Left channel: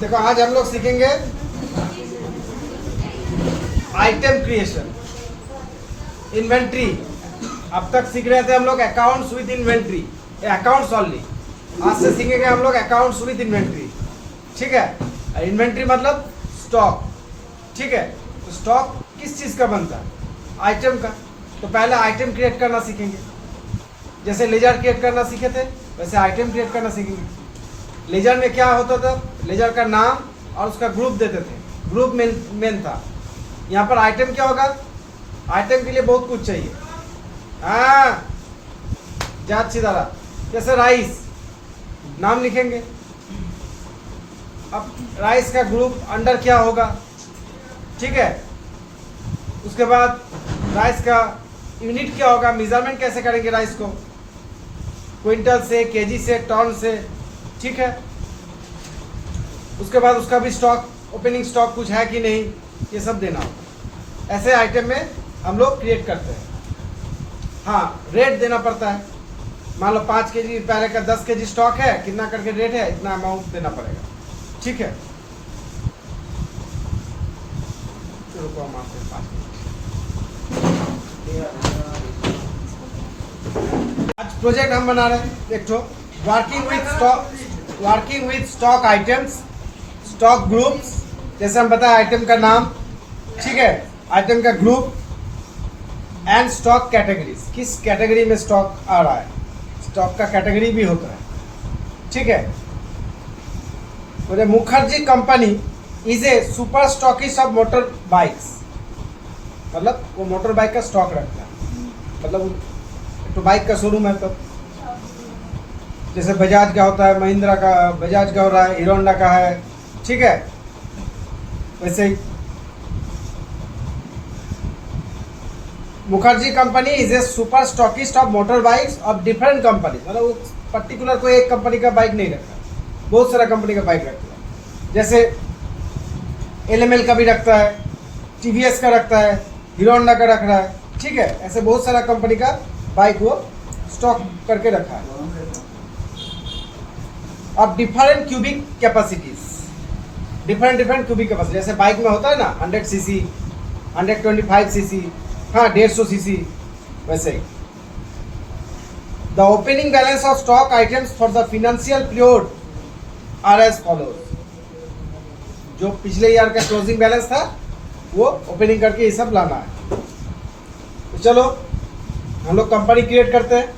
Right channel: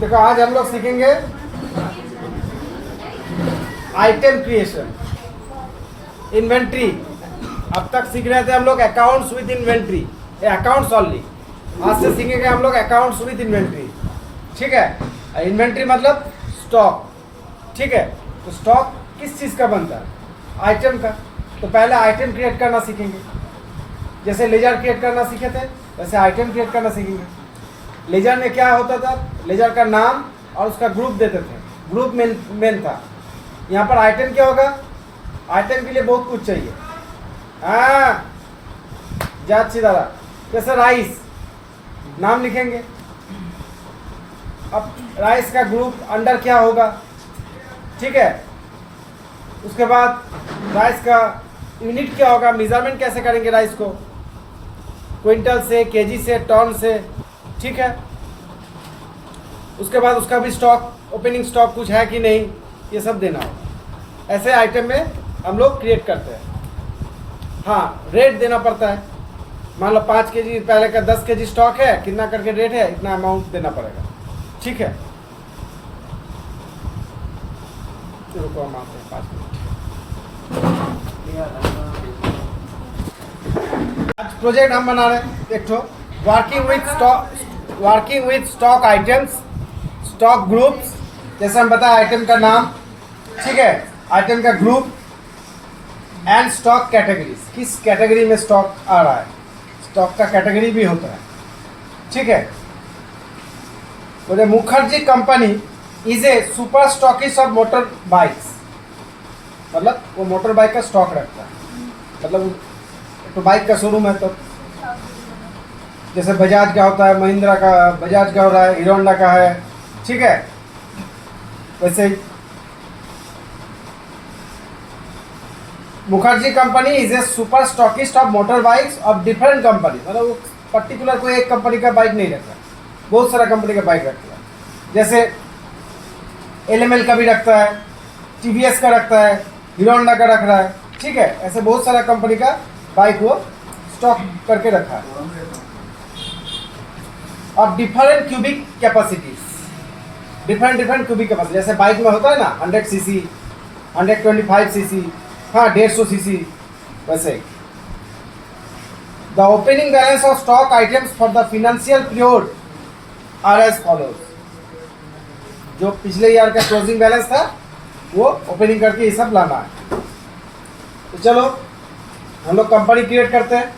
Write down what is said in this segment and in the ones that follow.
देखो आज हम लोग सीखेंगे आइटम क्रिएशन, इन्वेंट्री। अब तक सीख रहे थे हम लोग accounts with inventory, accounts only. आज से सीखेंगे हम लोग अकाउंट्स विद इन्वेंट्री। ठीक है, इन्वेंट्री मतलब स्टॉक। ठीक है, तो स्टॉक किस चीज का बनता है? आइटम का। तो पहले आइटम क्रिएट करना सीखेंगे। जैसे लेजर क्रिएट करना सीखे थे वैसे आइटम क्रिएट करना सीखेंगे। लेजर में क्या होता था? लेजर का नाम और उसका ग्रुप देते थे, ग्रुप मेन था। यहाँ पर आइटम क्या होगा? आइटम के लिए बहुत कुछ चाहिए। हाँ, जात सीधा। जैसे राइस, नाम लिखेंगे। अब राइस का ग्रुप अंडर क्या होगा? ठीक है, उसके बाद राइस का यूनिट क्या होगा? मेजरमेंट कैसे करेंगे राइस को? क्विंटल से, केजी से, टन से। ठीक है, उसके बाद उसका भी स्टॉक, ओपनिंग स्टॉक कुछ है कि नहीं, ये सब देना होगा। ऐसे आइटम में हम लोग क्रिएट करते हैं। हाँ, रेट देना पड़ता है। मान लो 5 केजी, पहले का 10 केजी स्टॉक है, कितना करके रेट है, इतना अमाउंट देना पड़ेगा। ठीक है, आज प्रोजेक्ट हम बना रहे हैं एक तो working with stock items, stock groups. जैसे हम बताए आइटम का नाम, ठीक है, आइटम का ग्रुप एंड स्टॉक कैटेगरीज। किस कैटेगरी में स्टॉक आ रहा है? स्टॉक का कैटेगरी भी होता है। ठीक है, बोले Mukherjee company is a super stockist of motor bikes. मतलब वो मोटर बाइक का स्टॉक रखता है, मतलब तो बाइक का शोरूम है। तो जैसे बजाज का होता है, महिंद्रा का, बजाज का हो रहा है, हीरो होंडा का है। ठीक है, वैसे ही Mukherjee company is a super stockist of motor bikes of different company. मतलब वो पर्टिकुलर कोई एक कंपनी का बाइक नहीं रखता, बहुत सारा कंपनी का बाइक रखता है। जैसे एलएमएल का भी रखता है, टीवीएस का रखता है, हीरो होंडा का रख रहा है। ठीक है, ऐसे बहुत सारा कंपनी का बाइक वो स्टॉक करके रखा है। और different cubic capacities, different cubic capacity. जैसे बाइक में होता है ना 100 सीसी, 125 सीसी, हाँ 150 सीसी, वैसे। The opening balance of stock items for the financial period are as follows. जो पिछले ईयर का क्लोजिंग बैलेंस था वो ओपनिंग करके ये सब लाना है। तो चलो हम लोग कंपनी क्रिएट करते हैं।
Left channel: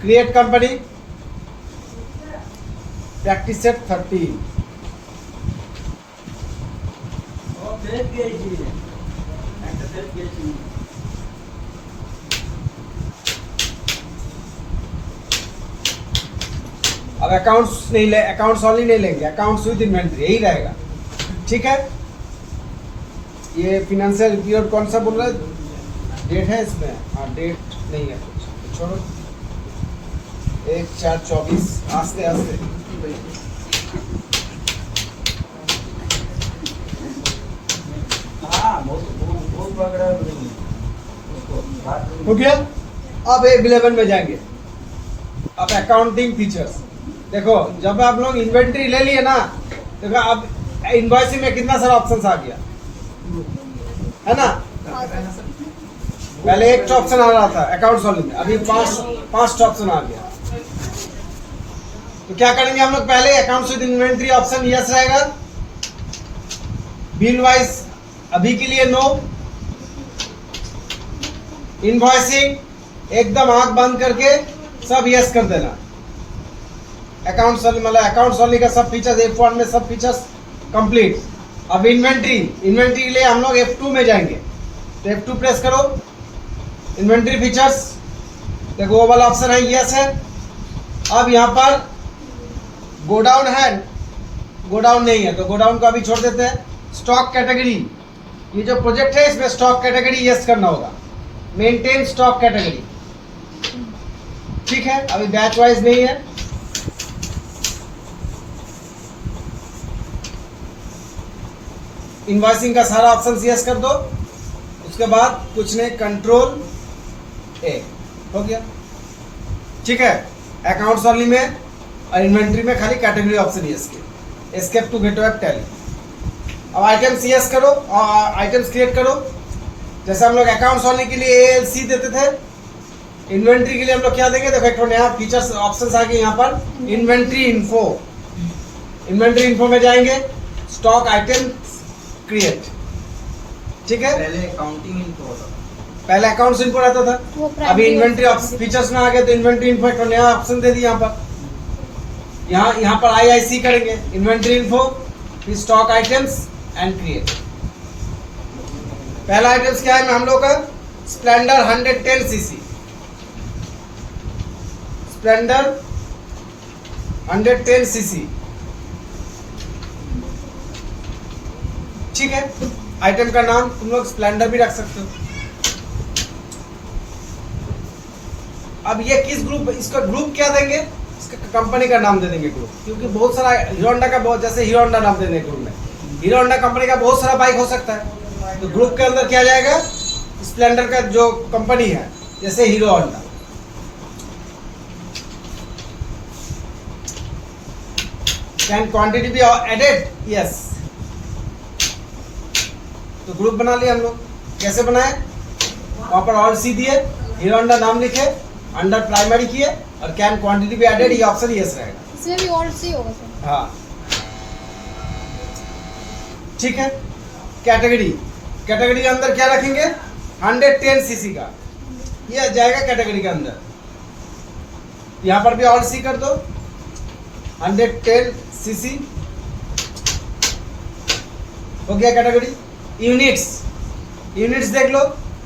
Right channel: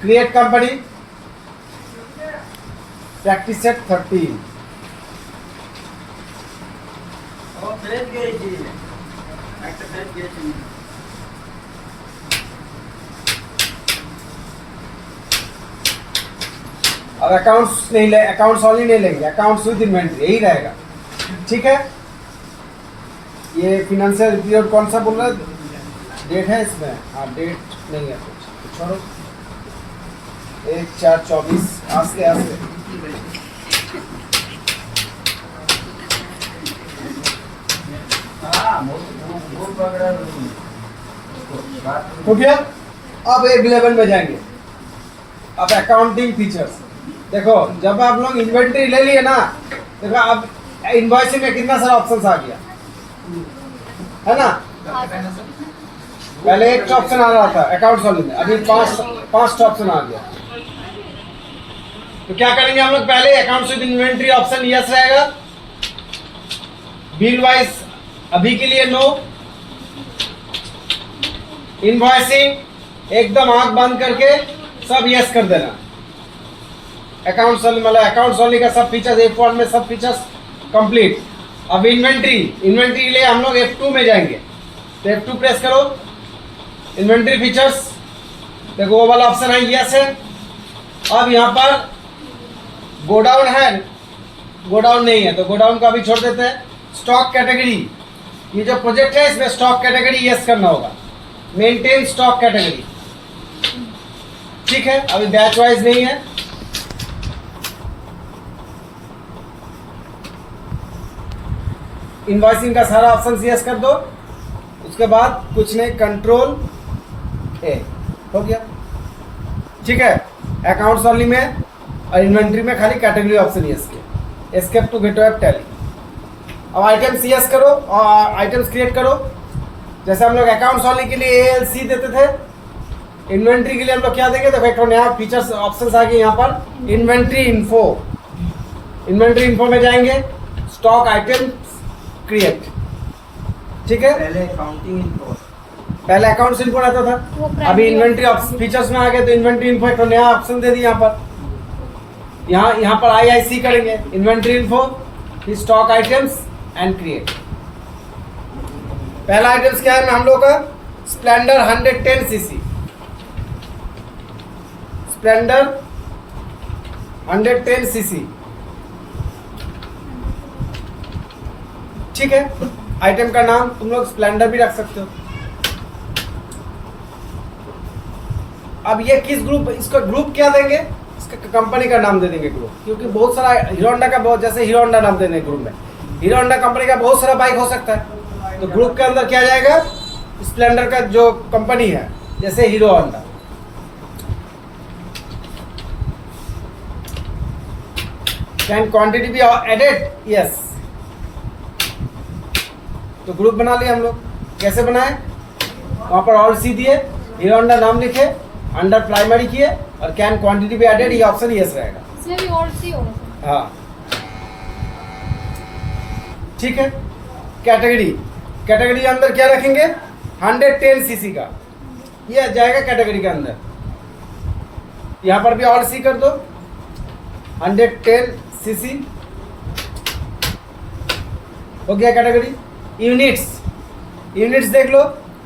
Create company, practice set 13। अब अकाउंट्स नहीं ले, अकाउंट्स ओनली नहीं लेंगे, अकाउंट्स विद इन्वेंट्री यही रहेगा। ठीक है, ये फिनेंशियल पीरियड कौन सा बोल रहा है? डेट है इसमें? हाँ, डेट नहीं है कुछ, छोड़ो। 1/4/24। आस्ते आस्ते हो गया। अब 11 में जाएंगे। अब अकाउंटिंग फीचर्स देखो। जब आप लोग इन्वेंट्री ले लिए ना, देखो अब इनवॉइसिंग में कितना सारा ऑप्शन आ गया है ना। पहले एक ऑप्शन आ रहा था अकाउंट्स ओनली में, अभी पांच ऑप्शन आ गया। तो क्या करेंगे हम लोग? पहले accounts with inventory option yes रहेगा, बिल वाइज अभी के लिए नो, इनवॉइसिंग एकदम आंख बंद करके सब यस कर देना। अकाउंट्स ओनली मतलब अकाउंट्स ओनली का सब फीचर्स F1 में सब फीचर्स कंप्लीट। अब इन्वेंट्री के लिए हम लोग F2 में जाएंगे। तो F2 प्रेस करो, इन्वेंट्री फीचर्स देखो, वो वाला ऑप्शन है यस है। अब यहाँ पर गोडाउन है, गोडाउन नहीं है तो गोडाउन को अभी छोड़ देते हैं। स्टॉक कैटेगरी, ये जो प्रोजेक्ट है इसमें स्टॉक कैटेगरी यस करना होगा, मेंटेन स्टॉक कैटेगरी। ठीक है, अभी बैच वाइज नहीं है। इनवॉइसिंग का सारा ऑप्शन यस कर दो, उसके बाद कुछ नहीं, कंट्रोल ए हो गया। ठीक है, अकाउंट्स ओनली में और इन्वेंट्री में खाली कैटेगरी ऑप्शन ही है escape to get web Tally. अब आइटम्स यस करो और आइटम्स क्रिएट करो। जैसे हम लोग अकाउंट्स वाले के लिए ALC देते थे, इन्वेंट्री के लिए हम लोग क्या देंगे, देखो एक नया फीचर्स ऑप्शन आ गए यहाँ पर, इन्वेंट्री इन्फो। इन्वेंट्री इन्फो में जाएंगे, स्टॉक आइटम्स क्रिएट, ठीक है। पहले अकाउंटिंग इन्फो, पहले अकाउंट्स इन्फो रहता था, अभी इन्वेंट्री फीचर्स में आ गए तो इन्वेंट्री इन्फो एक नया ऑप्शन दे दिया यहाँ पर। यहाँ पर IIC करेंगे, इन्वेंट्री इन्फो, फिर स्टॉक आइटम्स एंड क्रिएट। पहला आइटम्स क्या है हम लोग का, स्प्लेंडर 110cc, स्प्लेंडर 110cc, ठीक है। आइटम का नाम तुम लोग स्प्लेंडर भी रख सकते हो। अब ये किस ग्रुप, इसका ग्रुप क्या देंगे, इसका कंपनी का नाम दे देंगे ग्रुप, क्योंकि बहुत सारा हीरो होंडा का बहुत, जैसे हीरो होंडा नाम देने ग्रुप में, हीरो होंडा कंपनी का बहुत सारा बाइक हो सकता है, तो ग्रुप के अंदर क्या जाएगा, स्प्लेंडर का जो कंपनी है, जैसे Hero Honda. Can quantity be added, yes. तो ग्रुप बना लिया हम लोग। कैसे बनाए, वहां पर ऑल सी दिए, हीरो होंडा नाम लिखे, अंडर प्राइमरी किए और कैन क्वांटिटी बी एडेड, ये ऑप्शन यस रहेगा। इसमें भी ऑल सी होगा सर। हाँ, ठीक है। कैटेगरी, कैटेगरी के अंदर क्या रखेंगे, 110cc का, ये आ जाएगा कैटेगरी के अंदर। यहां पर भी ऑल सी कर दो, 110cc हो गया कैटेगरी। यूनिट्स, यूनिट्स देख लो,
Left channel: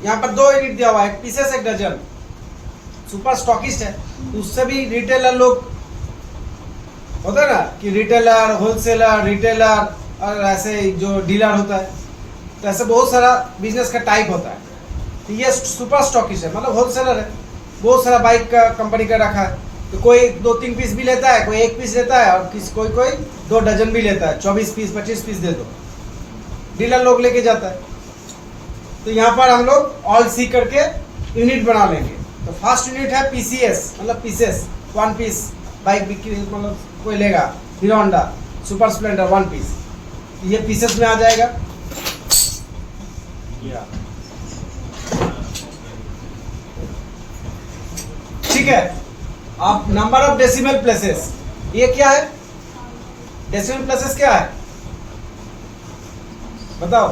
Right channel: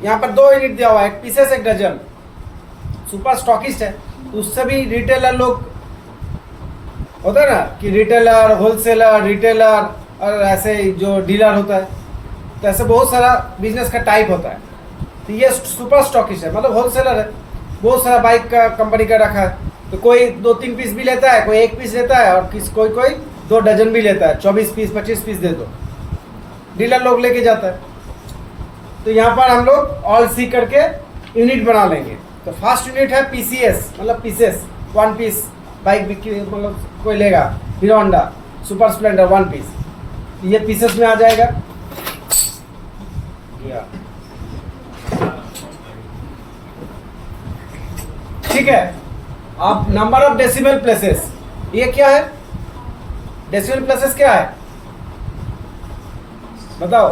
यहाँ पर 2 यूनिट दिया हुआ है, एक पीसेस एक डजन। सुपर स्टॉकिस्ट है, उससे भी रिटेलर लोग होता है ना, कि रिटेलर, होलसेलर, रिटेलर और ऐसे जो डीलर होता है, तो ऐसे बहुत सारा बिजनेस का टाइप होता है। तो ये सुपर स्टॉकिस्ट है, मतलब होलसेलर है, बहुत सारा बाइक का कंपनी का रखा है। तो कोई 2-3 पीस भी लेता है, कोई 1 पीस लेता है, और कोई 2 डजन भी लेता है, 24 पीस 25 पीस दे दो, डीलर लोग लेके जाता है। तो यहाँ पर हम लोग ऑल सी करके यूनिट बना लेंगे। तो फर्स्ट यूनिट है PCS, मतलब पीसेस, 1 पीस बाइक बिक्री, मतलब कोई लेगा, Hero Honda super Splendor 1 piece, ये पीसेस में आ जाएगा। ठीक है। अब नंबर ऑफ डेसिमल प्लेसेस, ये क्या है, डेसिमल प्लेसेस क्या है बताओ,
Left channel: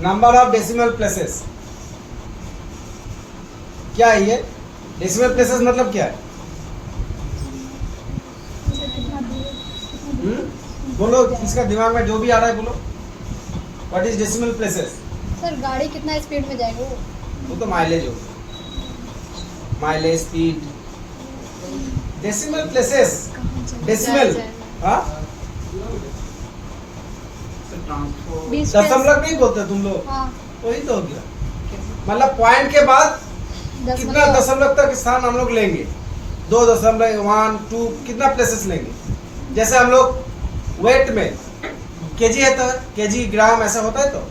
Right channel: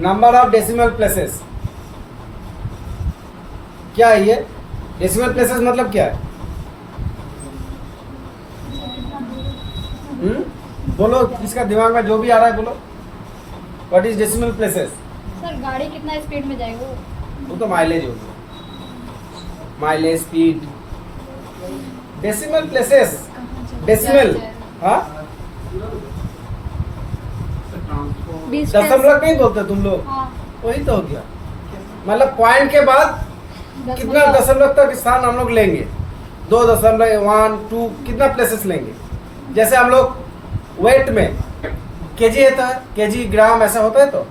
नंबर ऑफ डेसिमल प्लेसेस क्या है, ये डेसिमल प्लेसेस मतलब क्या है, बोलो, इसका दिमाग में जो भी आ रहा है बोलो। What is decimal places? Sir गाड़ी कितना स्पीड में जाएगा वो तो माइलेज हो, mileage, speed. Decimal places, decimal, हाँ, दशमलव नहीं बोलते तुम लोग, हाँ। वही तो हो गया, मतलब पॉइंट के बाद कितना दशमलव तक स्थान हम लोग लेंगे, 2.1, 2, कितना प्लेसेस लेंगे। जैसे हम लोग वेट में केजी है, तो केजी ग्राम ऐसा होता है, तो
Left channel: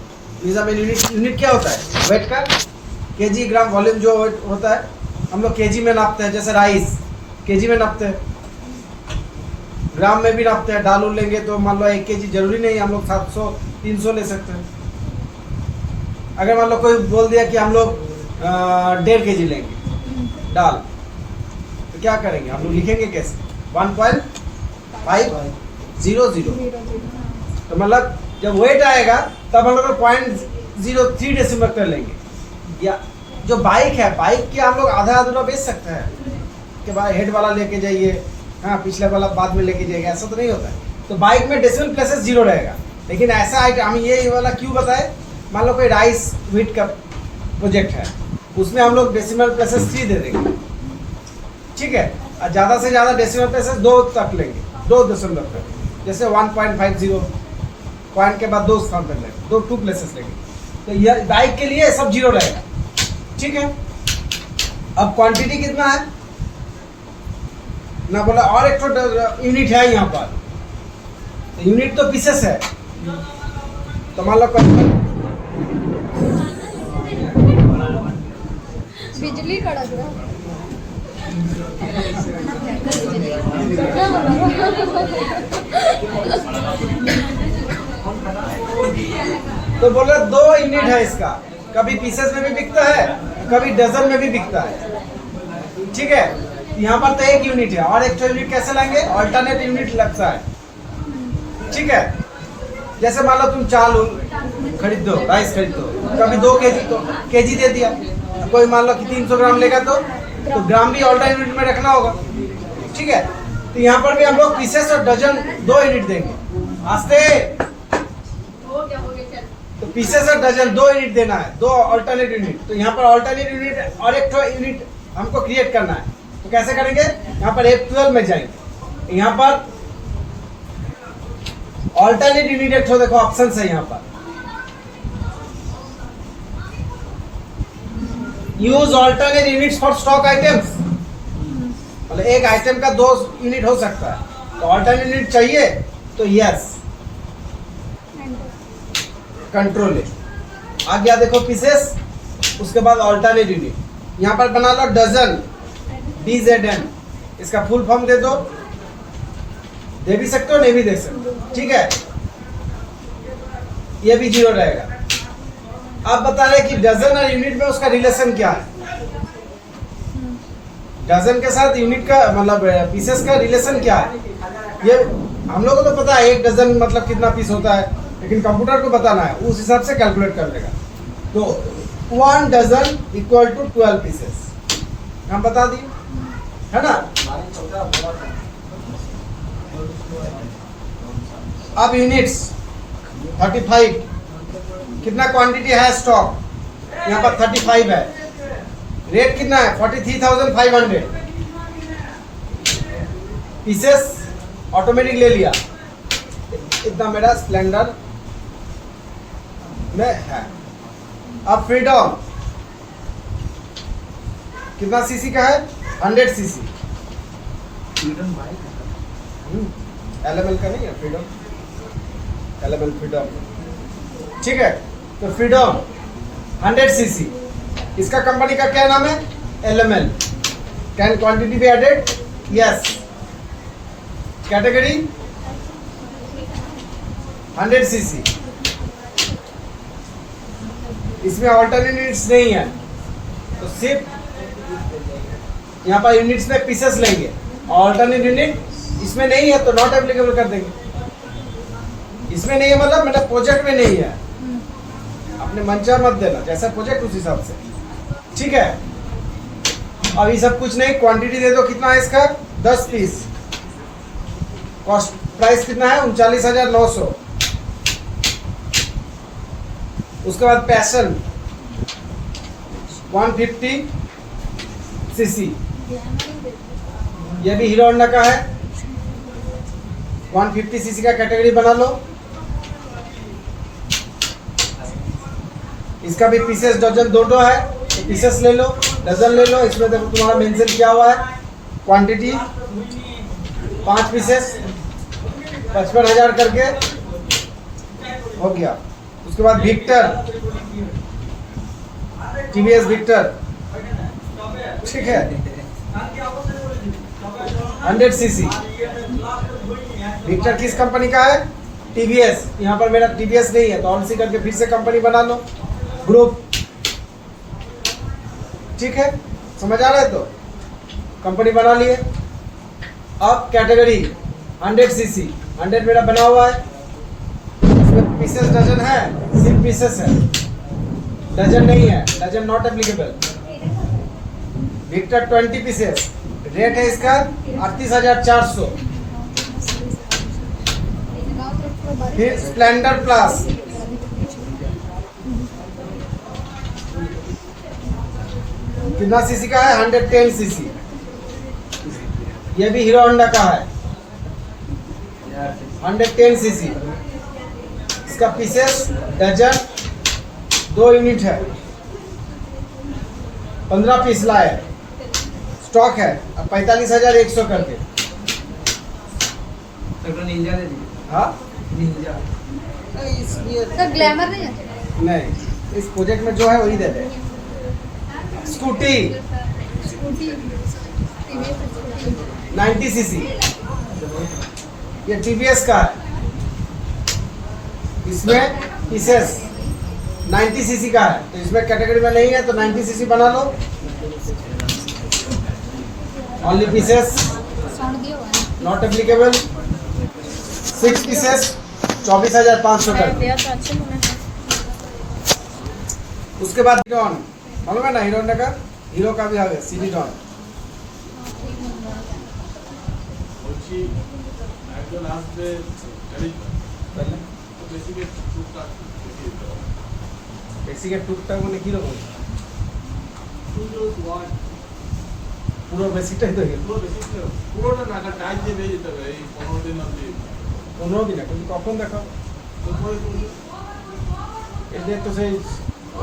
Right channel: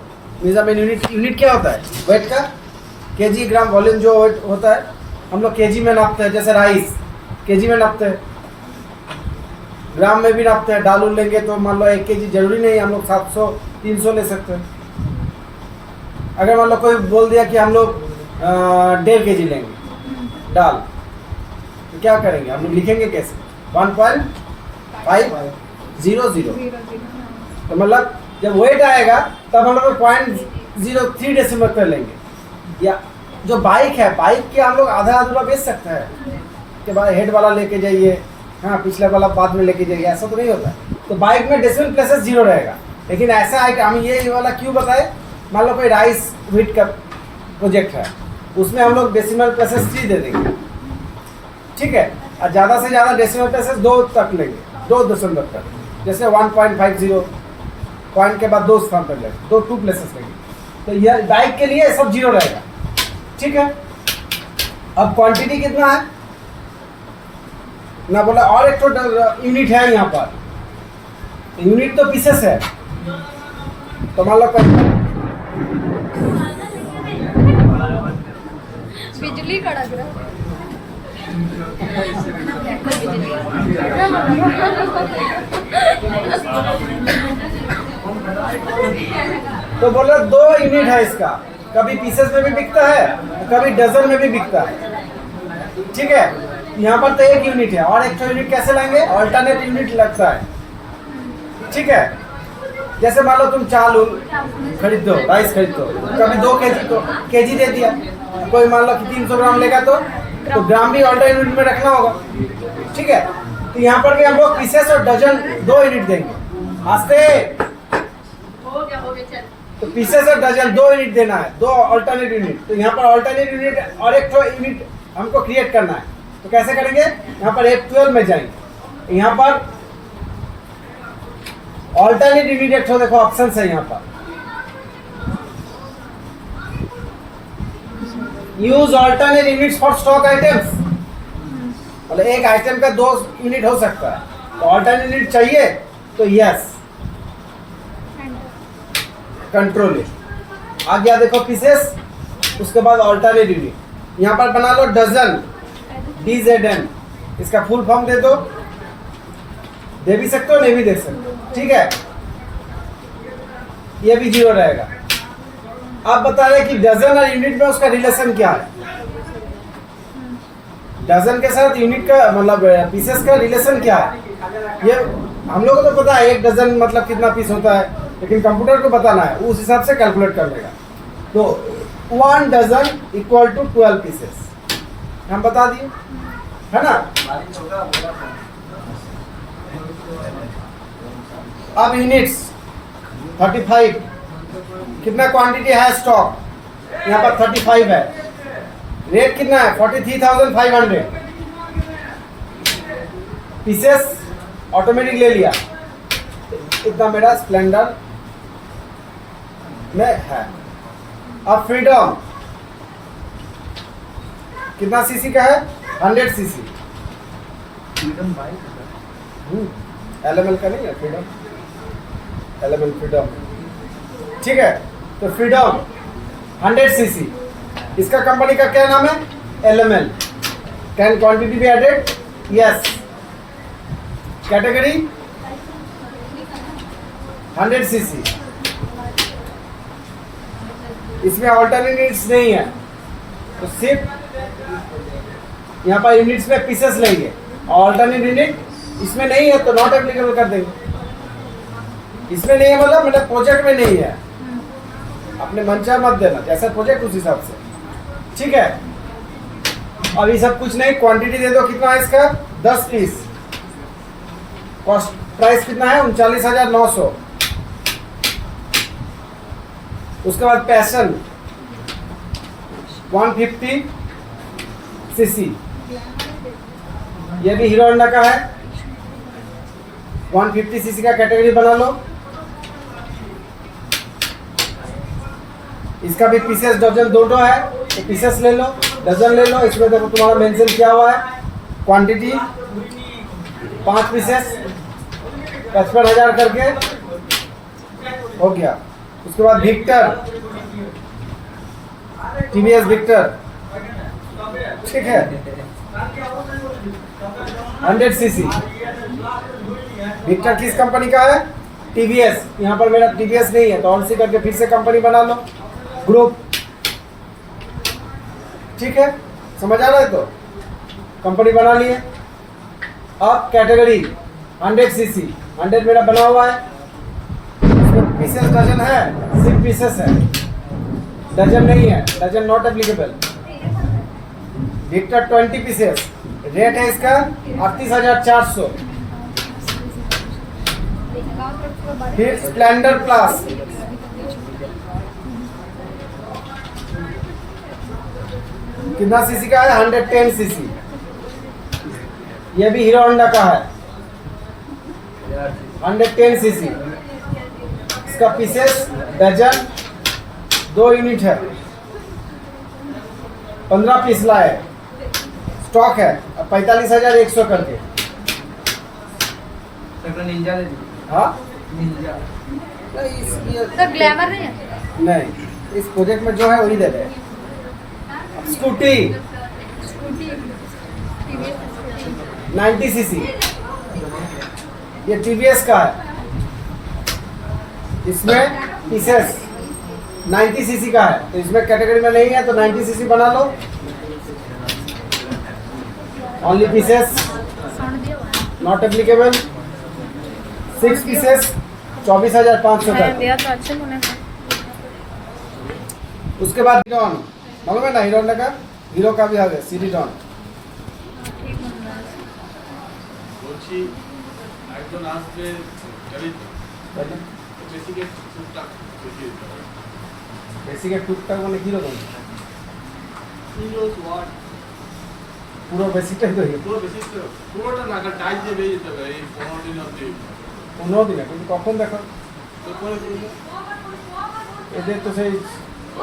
मेजरमेंट यूनिट, यूनिट क्या होता है वेट का, केजी ग्राम वॉल्यूम जो वेट होता है, हम लोग केजी में नापते हैं। जैसे राइस केजी में नापते हैं, ग्राम में भी नापते हैं। दाल लेंगे तो मान लो 1 केजी, जरूरी नहीं हम लोग 700-300 ले सकते हैं। अगर मान लो कोई बोल दिया कि हम लोग 1.5 केजी लेंगे दाल, तो क्या करेंगे हम लोग, लिखेंगे कैसे, 1.500, तो मतलब जब वेट आएगा तब हम लोग 0.03 डेसिमल कर लेंगे। या जो बाइक है, बाइक के हम लोग आधा अधूरा बेच सकते हैं कि भाई हेड वाला लेके जाइए, हाँ पिछले वाला बाद में लेके जाइए, ऐसा तो नहीं होता है। तो बाइक में डेसिमल प्लेसेस 0 रहेगा। लेकिन ऐसा आइटम हम ये वाला क्यों बताए, मान लो कोई राइस व्हीट का प्रोजेक्ट है, उसमें हम लोग डेसिमल प्लेसेस 3 दे देंगे, ठीक है। और ज़्यादा से ज़्यादा डेसिमल प्लेसेस 2 तक लेंगे, 2 दशमलव तक, जैसे 1.50 पॉइंट के बाद 2 स्थान तक लेंगे, 2 प्लेसेस लेंगे। तो यह बाइक के लिए सब 0 रहेगा, ठीक है। अब क्वांटिटी कितना है ना बोला, और एक तो यूनिट है यहाँ पर, यूनिट तो पीसेस है, तो मान लो बिजली कड़क रहा है। तो बोला 2 यूनिट है इसका, कभी पीसेस में भी बिकता है, कभी डजन में भी बिकता है। ठीक है, यहाँ पर तो 1 यूनिट है, और एक यूनिट कैसे लाएंगे? ऑल्टरनेट यूनिट लगता है। ठीक है, जैसे मान लो तुम चावल खरीद दो, राइस खरीद दो, कभी 2 केजी दे दिया, कोई मान लो कि 300 ग्राम लेगा तो ग्राम भी ऑल्टरनेट यूनिट में रखना होगा। ठीक है, तो यहाँ पर भी हम लोग पीसेस और डजन 2 यूनिट देंगे। आस्ते, तो पीसेस और डजन 2 यूनिट देना है, 2 ऑल्टरनेट यूनिट। तो यहाँ पर ऑल्टरनेट यूनिट और एक यूनिट हमको क्रिएट करना है। तो कैसे करेंगे? यहाँ पर F12 में जाएंगे, यहाँ पर ऑल्टरनेट यूनिट एक देखो ऑप्शन है यहाँ पर, use alternate units for stock items. मतलब एक आइटम का 2 यूनिट हो सकता है, तो ऑल्टरनेट यूनिट चाहिए तो यस, कंट्रोल है। आ गया देखो पीसेस, उसके बाद ऑल्टरनेट यूनिट। यहाँ पर बना लो डजन, DZN, इसका फुल फॉर्म दे दो, दे भी सकते हो, नहीं भी दे सकते हो। ठीक है, ये भी 0 रहेगा। आप बता रहे कि डजन और यूनिट में उसका रिलेशन क्या है? डजन के साथ यूनिट का मतलब पीसेस का रिलेशन क्या है? ये हम लोगों को तो पता है 1 डजन मतलब कितना पीस होता है, लेकिन कंप्यूटर को बताना है, उस हिसाब से कैलकुलेट कर लेगा। तो 1 डजन इक्वल टू 12 पीसेस हम बता दिए, है ना? अब यूनिट्स 35, कितना क्वांटिटी है स्टॉक? यहाँ पर 35 है। रेट कितना है? 43,500। पीसेस ऑटोमेटिक ले लिया, इतना मेरा स्प्लेंडर में है। अब फ्रीडम कितना सीसी का है? 100 सीसी। LML का नहीं है फ्रीडम, LML फ्रीडम। ठीक है, तो फ्रीडम 100 सीसी, इसका कंपनी का क्या नाम है? LML। Can quantity be added? Yes. Category 100 cc. इसमें ऑल्टरनेट यूनिट्स नहीं है, तो सिर्फ यहाँ पर यूनिट्स में पीसेस लेंगे, ऑल्टरनेट यूनिट इसमें नहीं है तो नॉट एप्लीकेबल कर देंगे। इसमें नहीं है मतलब मेरे प्रोजेक्ट में नहीं है, अपने मन चाह मत देना, जैसा प्रोजेक्ट उस हिसाब से। ठीक है, अभी सब कुछ नहीं, क्वांटिटी दे दो। कितना है इसका? 10 पीस। कॉस्ट प्राइस कितना है? 39,900। उसके बाद पैशन 150 सीसी, ये भी हीरो होंडा का है। 150 सीसी का कैटेगरी बना लो। इसका भी पीसेस डजन 2 है, तो पीसेस ले लो, डजन ले लो। इसमें देखो तुम्हारा मेंशन किया हुआ है, क्वांटिटी 5 पीसेस 55,000 करके हो गया। उसके बाद विक्टर, TVS विक्टर, ठीक है, 100 सीसी। विक्टर किस कंपनी का है? TVS। यहाँ पर मेरा TVS नहीं है, तो ऑन सी करके फिर से कंपनी बना लो, ग्रुप। ठीक है, समझ आ रहा है? तो कंपनी बना लिए। अब कैटेगरी 100 सीसी, 100 मेरा बना हुआ है। उसमें पीसेस डजन है, सिर्फ पीसेस है, डजन नहीं है, dozen not applicable. Victor 20 pieces, rate है इसका 38,400। फिर स्प्लेंडर प्लस, कितना सीसी का है? 110 सीसी। ये भी हीरो होंडा का है, 110 सीसी। इसका पीसेस डजन 2 यूनिट है, 15 पीस लाए, स्टॉक है 45,100 करके। हाँ, सर ग्लैमर नहीं है? नहीं, इस प्रोजेक्ट में जो है वही दे रहे हैं। स्कूटी टीवीएस 90 सीसी, ये टीवीएस का है, इसमें पीसेस 90 सीसी का है, तो इसमें कैटेगरी में नहीं है तो 90 सीसी बना लो, ओनली पीसेस साउंड दिया हुआ नॉट एप्लीकेबल, 6 पीसेस 24,500 का। दिया तो अच्छे होना है। उसके बाद हीरोन मालूम है ना, हीरोन का, हीरो का भी आ गया सीडी डॉन। বলছি একজন আসবে গাড়ি বেসিকে টুকটাক দেখিয়ে দিতে হবে। বেসিকের টুকটাক মানে কিরকম? উইন্ডোজ ওয়ার্ড পুরো বেসিকটাই তো পুরো বেসিক পুরোটা না কার টাইপ দিয়ে বেরিয়ে যেতে হবে এই 15 দিন অবধি। 15 দিনে কিন্তু কখন দেখো তারপরে এদের তো সেই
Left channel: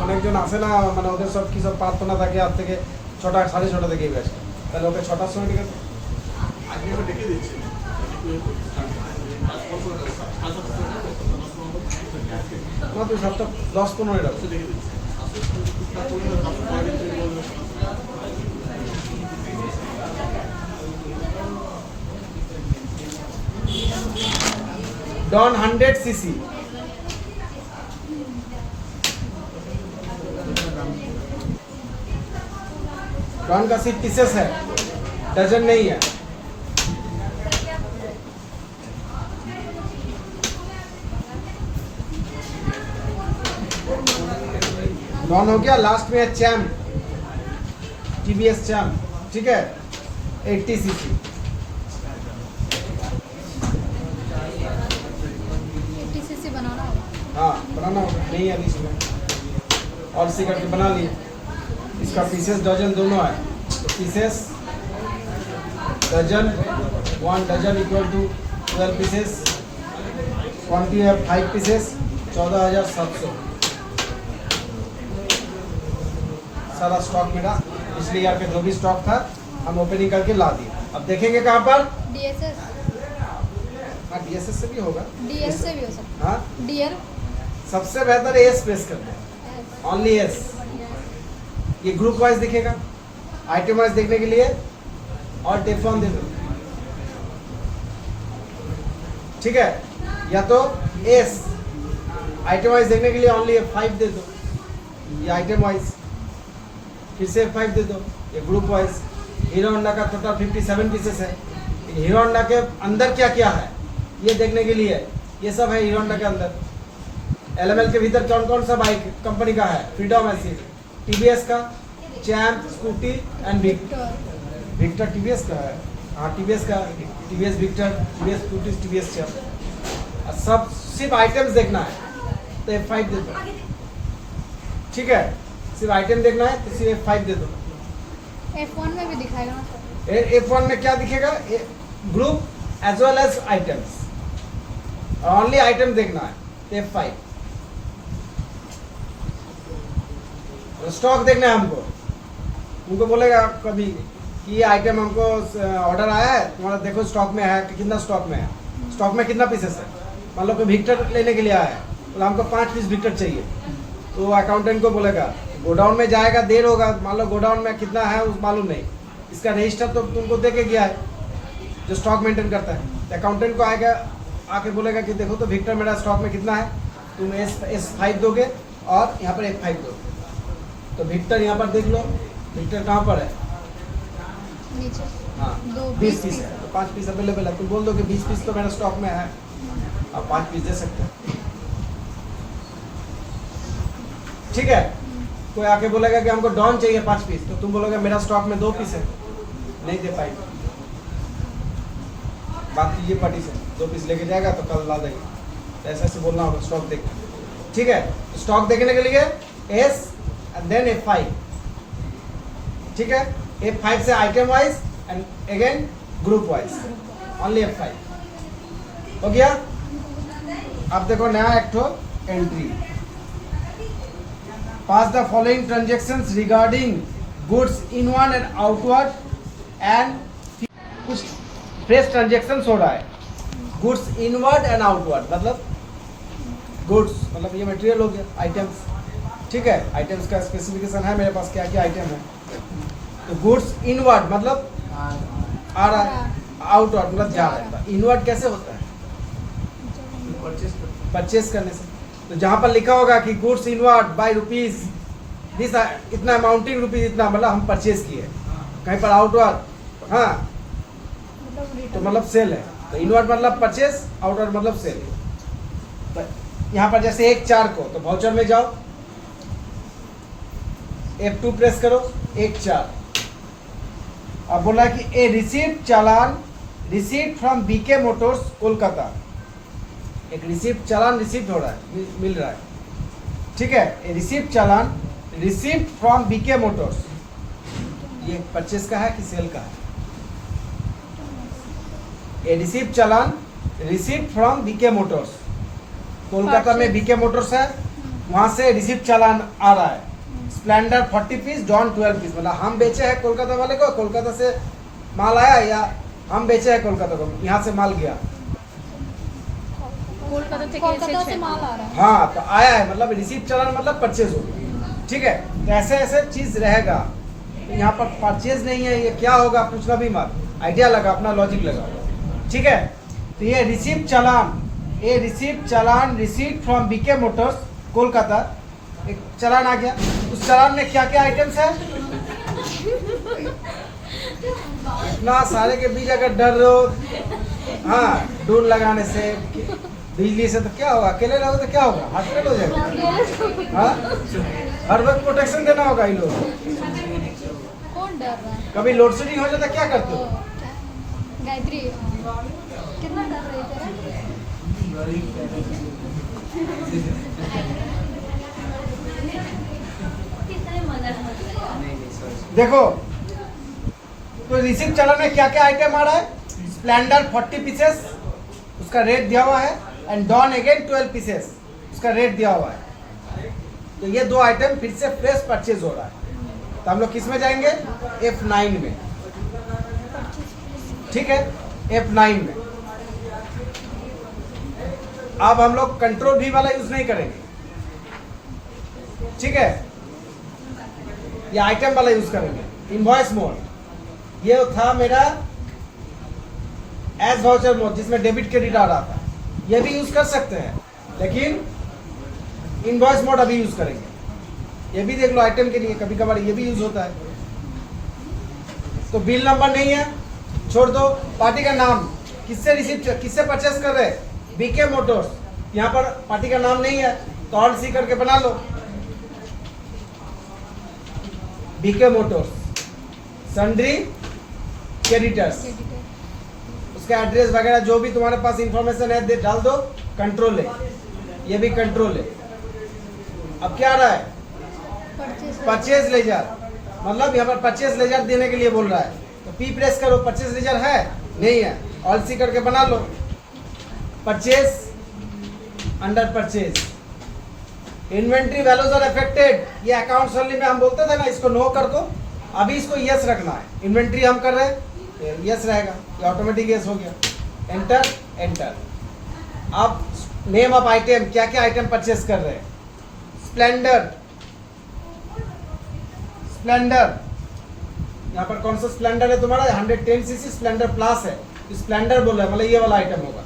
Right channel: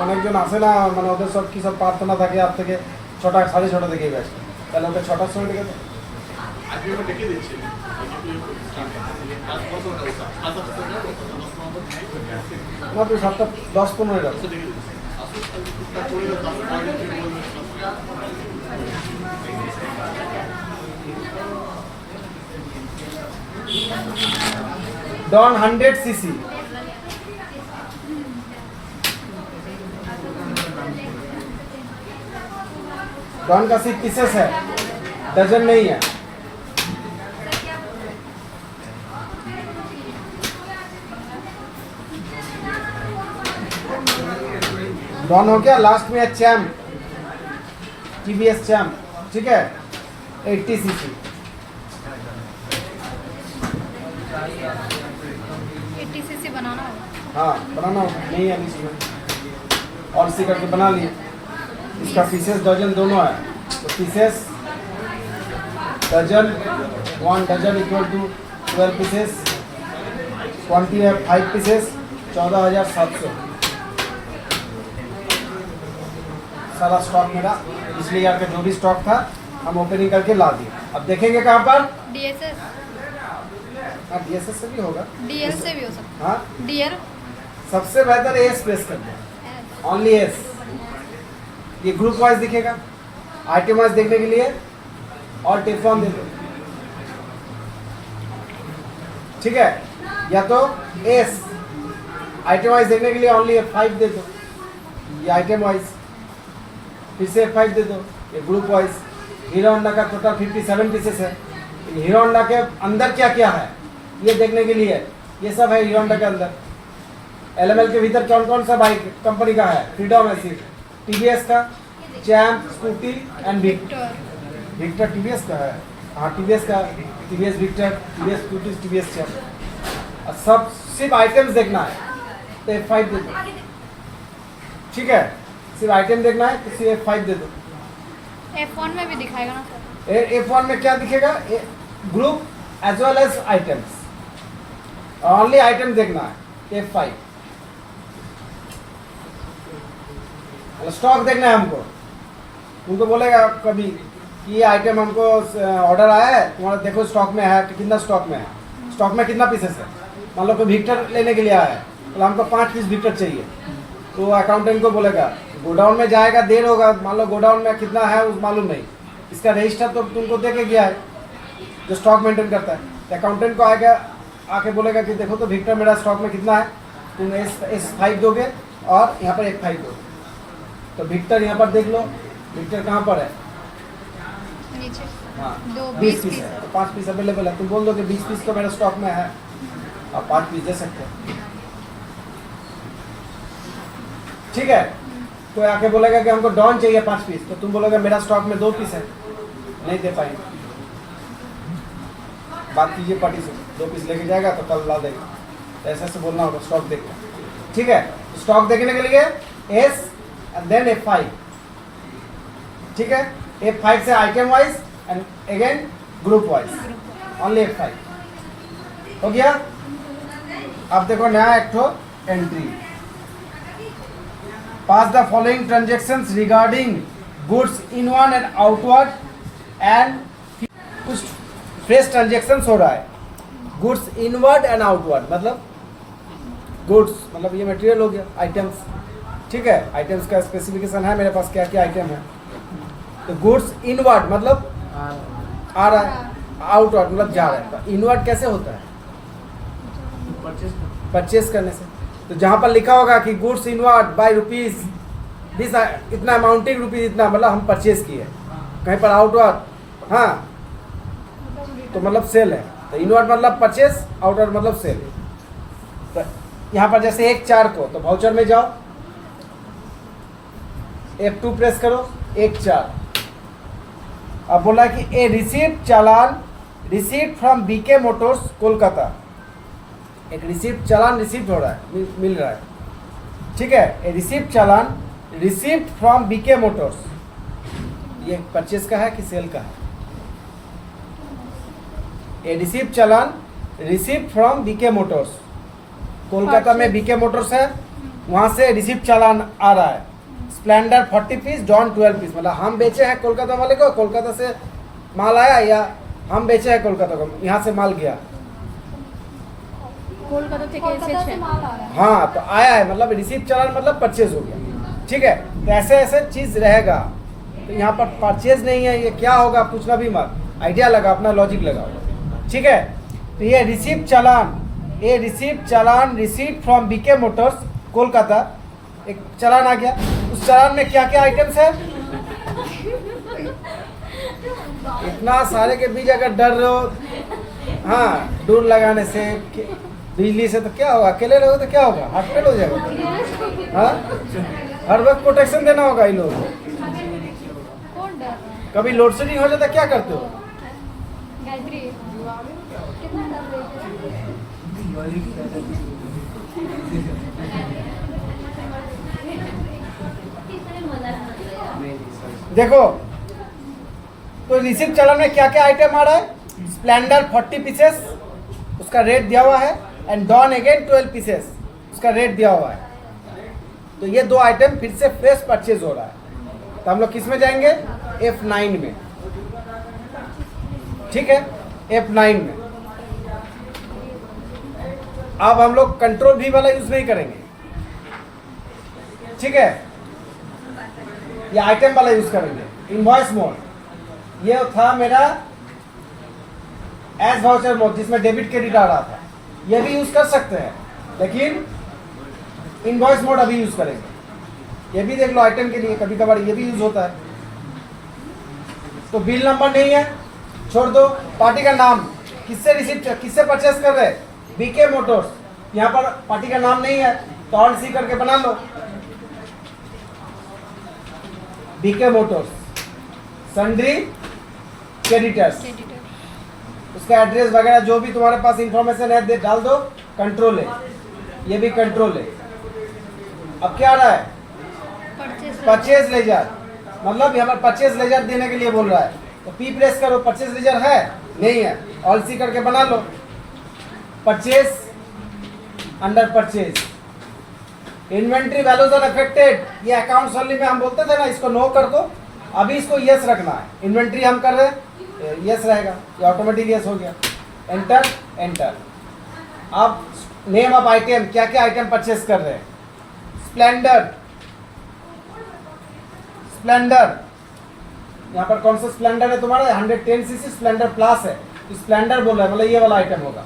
অনেকজন আসে না, মানে ওদের সব কি সব প্রার্থনা থাকে আর থেকে 6টা 6:30 থেকে গেছে, তাহলে ওকে 6টার সময় ডেকে দাও। আজকে আমি দেখিয়ে দিচ্ছি না তুই 7টা 10-15 রাখ। দেখিয়ে দিচ্ছি আসলে টুকটাক করে डॉन 100 सीसी, डॉन का सिर्फ पीसेस है, डजन नहीं है। डॉन हो गया, लास्ट में है चैम्प, टीवीएस चैम्प, ठीक है 80 सीसी। 80 सीसी बनाना होगा। हाँ बनाना होगा, नहीं है इसमें और सी करके बना लिए। इसका पीसेस डजन दोनों है, तो pieces dozen 1 dozen equal to 12 pieces, quantity है 5 पीसेस 14,700। सारा स्टॉक मेरा पिछले ईयर का जो भी स्टॉक था हम ओपनिंग करके ला दिए। अब देखेंगे कहाँ पर, डीएसएस हाँ DSS से भी होगा, डीएल से भी हो सकता हाँ है। डीएल सबसे बेहतर एस प्रेस करना, ओनली एस। ये ग्रुप वाइज दिखेगा, आइटम वाइज देखने के लिए और टेफ्लॉन दे दो, ठीक है, या तो एस आइटम वाइज देखने के लिए ओनली F5 दे दो, ये आइटम वाइज, फिर से F5 दे दो, ये ग्रुप वाइज। हीरो होंडा का टोटल 57 पीसेस है, हीरो होंडा के अंदर क्या क्या है ये देखने के लिए ये सब है हीरो होंडा के अंदर। LML के भीतर कौन कौन सा बाइक कंपनी का है, फ्रीडम है सिर्फ, TVS का, Champ, Scooty and Victor TVS का है, हाँ TVS का, TVS Victor, TVS Scooty, TVS Champ, सब सिर्फ आइटम्स देखना है तो F5 दे दो, ठीक है, सिर्फ आइटम देखना है तो सिर्फ F5 दे दो। F1 में भी दिखाएगा ना सर? F1 में क्या दिखेगा, group as well as items, only item देखना है तो F5। स्टॉक देखना है हमको, उनको बोलेगा कभी कि ये आइटम हमको ऑर्डर आया है तुम्हारा, देखो स्टॉक में है कितना, स्टॉक में है, स्टॉक में कितना पीसेस है। मान लो कोई विक्टर लेने के लिए आया है तो हमको 5 पीस विक्टर चाहिए, तो अकाउंटेंट को बोलेगा गोडाउन में जाएगा, देर होगा, मान लो गोडाउन में कितना है उस मालूम नहीं, इसका रजिस्टर तो तुमको दे के गया है जो स्टॉक मेंटेन करता है, तो अकाउंटेंट को आएगा आके बोलेगा कि देखो तो विक्टर मेरा स्टॉक में कितना है, तुम S5 दोगे और यहाँ पर F5 दो, तो विक्टर यहाँ पर देख लो, विक्टर कहाँ पर है, नीचे हाँ 20 पीस है, तो 5 पीस अवेलेबल है, तुम बोल दो कि 20 पीस तो मेरे स्टॉक में है, आप 5 पीस दे सकते हो, ठीक है। कोई आके बोलेगा कि हमको डॉन चाहिए 5 पीस, तो तुम बोलोगे मेरा स्टॉक में 2 पीस है, नहीं दे पाएंगे, बात कीजिए पार्टी से, 2 पीस लेके जाएगा तो कल ला देगा, तो ऐसे ऐसे बोलना होगा स्टॉक देख, ठीक है। तो स्टॉक देखने के लिए S एंड देन F5, ठीक है, F5 से item wise and again group wise, only F5 हो गया। अब देखो नया एक ठो entry, pass the following transactions regarding goods inward and outward and कुछ फ्रेश ट्रांजेक्शन्स हो रहा है, गुड्स इनवर्ड एंड आउटवर्ड, मतलब गुड्स मतलब ये मटेरियल हो गया, आइटम्स, ठीक है, आइटम्स का स्पेसिफिकेशन है मेरे पास क्या क्या आइटम है, तो गुड्स इनवर्ड मतलब आ रहा है, आउट मतलब जा रहा है। तो इनवर्ट कैसे होता है? परचेस करने से। तो जहाँ पर लिखा होगा कि goods inward by rupees this इतना अमाउंटिंग रुपीज इतना, मतलब हम परचेज किए। कहीं पर आउटवर्ड, हाँ, तो मतलब सेल है। तो इनवर्ट मतलब परचेस, आउटवर्ड मतलब सेल। तो यहाँ पर जैसे 1/4 को, तो वाउचर में जाओ, F2 प्रेस करो, 1/4। अब बोला है कि a receipt challan receipt from BK Motors Kolkata. एक रिसीप्ट चालान रिसीप्ट हो रहा है, मिल रहा है, ठीक है। A receipt challan receipt from BK Motors, ये परचेस का है कि सेल का है? A receipt challan receipt from BK Motors, Kolkata में बीके मोटर्स है, वहां से रिसीप्ट चालान आ रहा है। स्प्लेंडर 40 पीस, डॉन 12 पीस, मतलब हम बेचे हैं कोलकाता वाले को, कोलकाता से माल आया, या हम बेचे हैं कोलकाता को, यहाँ से माल गया, कोलकाता থেকে कोलकाता से এসেছে। माल आ रहा है। हाँ, तो आया है मतलब रिसीप्ट चालान मतलब परचेज हो गया, ठीक है। तो ऐसे ऐसे चीज रहेगा। तो यहाँ पर परचेज नहीं है, ये क्या होगा पूछना भी मत, आइडिया लगा, अपना लॉजिक लगाओ, ठीक है। तो ये रिसीप्ट चालान, ये receipt challan receipt from BK Motors Kolkata, एक चालान आ गया। उस चालान में क्या क्या आइटम्स है? इतना सारे के बीच अगर डर रहे हो, हाँ, डोर लगाने से, बिजली से, तो क्या होगा? अकेले रहोगे तो क्या होगा? हॉस्पिटल हो जाएगा, हाँ। हर वक्त प्रोटेक्शन देना होगा इन लोगों को। कौन डर रहा है? कभी लोड शेडिंग हो जाता, क्या करते हो? गायत्री कितना डर रही है? देखो, तो रिसीप्ट चालान में क्या क्या आइटम आ रहा है? स्प्लेंडर 40 पीसेस, उसका रेट दिया हुआ है, एंड डॉन अगेन 12 पीसेस, उसका रेट दिया हुआ है। तो ये दो आइटम फिर से फ्रेश परचेज हो रहा है। तो हम लोग किस में जाएंगे? F9 में, ठीक है, F9 में। अब हम लोग कंट्रोल V वाला यूज नहीं करेंगे, ठीक है, ये आइटम वाला यूज करेंगे। इनवॉइस मोड, ये था मेरा एज वाउचर मोड, जिसमें डेबिट क्रेडिट आ रहा था, ये भी यूज कर सकते हैं, लेकिन इनवॉइस मोड अभी यूज करेंगे। ये भी देख लो, आइटम के लिए कभी कभार ये भी यूज होता है। तो बिल नंबर नहीं है, छोड़ दो। पार्टी का नाम, किससे रिसीव, किससे परचेस कर रहे? बीके मोटर्स, यहाँ पर पार्टी का नाम नहीं है, तो ऑल्ट सी करके बना लो, बीके मोटर्स, सन्ड्री क्रेडिटर्स, उसका एड्रेस वगैरह जो भी तुम्हारे पास इंफॉर्मेशन है डाल दो। कंट्रोल है, ये भी कंट्रोल है। अब क्या आ रहा है? परचेज लेजर, मतलब यहाँ पर परचेज लेजर देने के लिए बोल रहा है। तो पी प्रेस करो, परचेज लेजर है, नहीं है, ऑल सी करके बना लो। Purchase, under purchase, inventory values are affected, ये अकाउंट्स ओनली में हम बोलते थे ना, इसको नो कर दो। अभी इसको यस रखना है। इन्वेंट्री हम कर रहे हैं, यस रहेगा, ये ऑटोमेटिक यस हो गया। Enter, enter. अब नेम ऑफ आइटम, क्या क्या आइटम परचेस कर रहे हैं? स्प्लेंडर, स्प्लेंडर, यहाँ पर कौन सा स्प्लेंडर है तुम्हारा? 110 सीसी स्प्लेंडर प्लस है, स्प्लेंडर बोल रहा है, मतलब ये वाला आइटम होगा,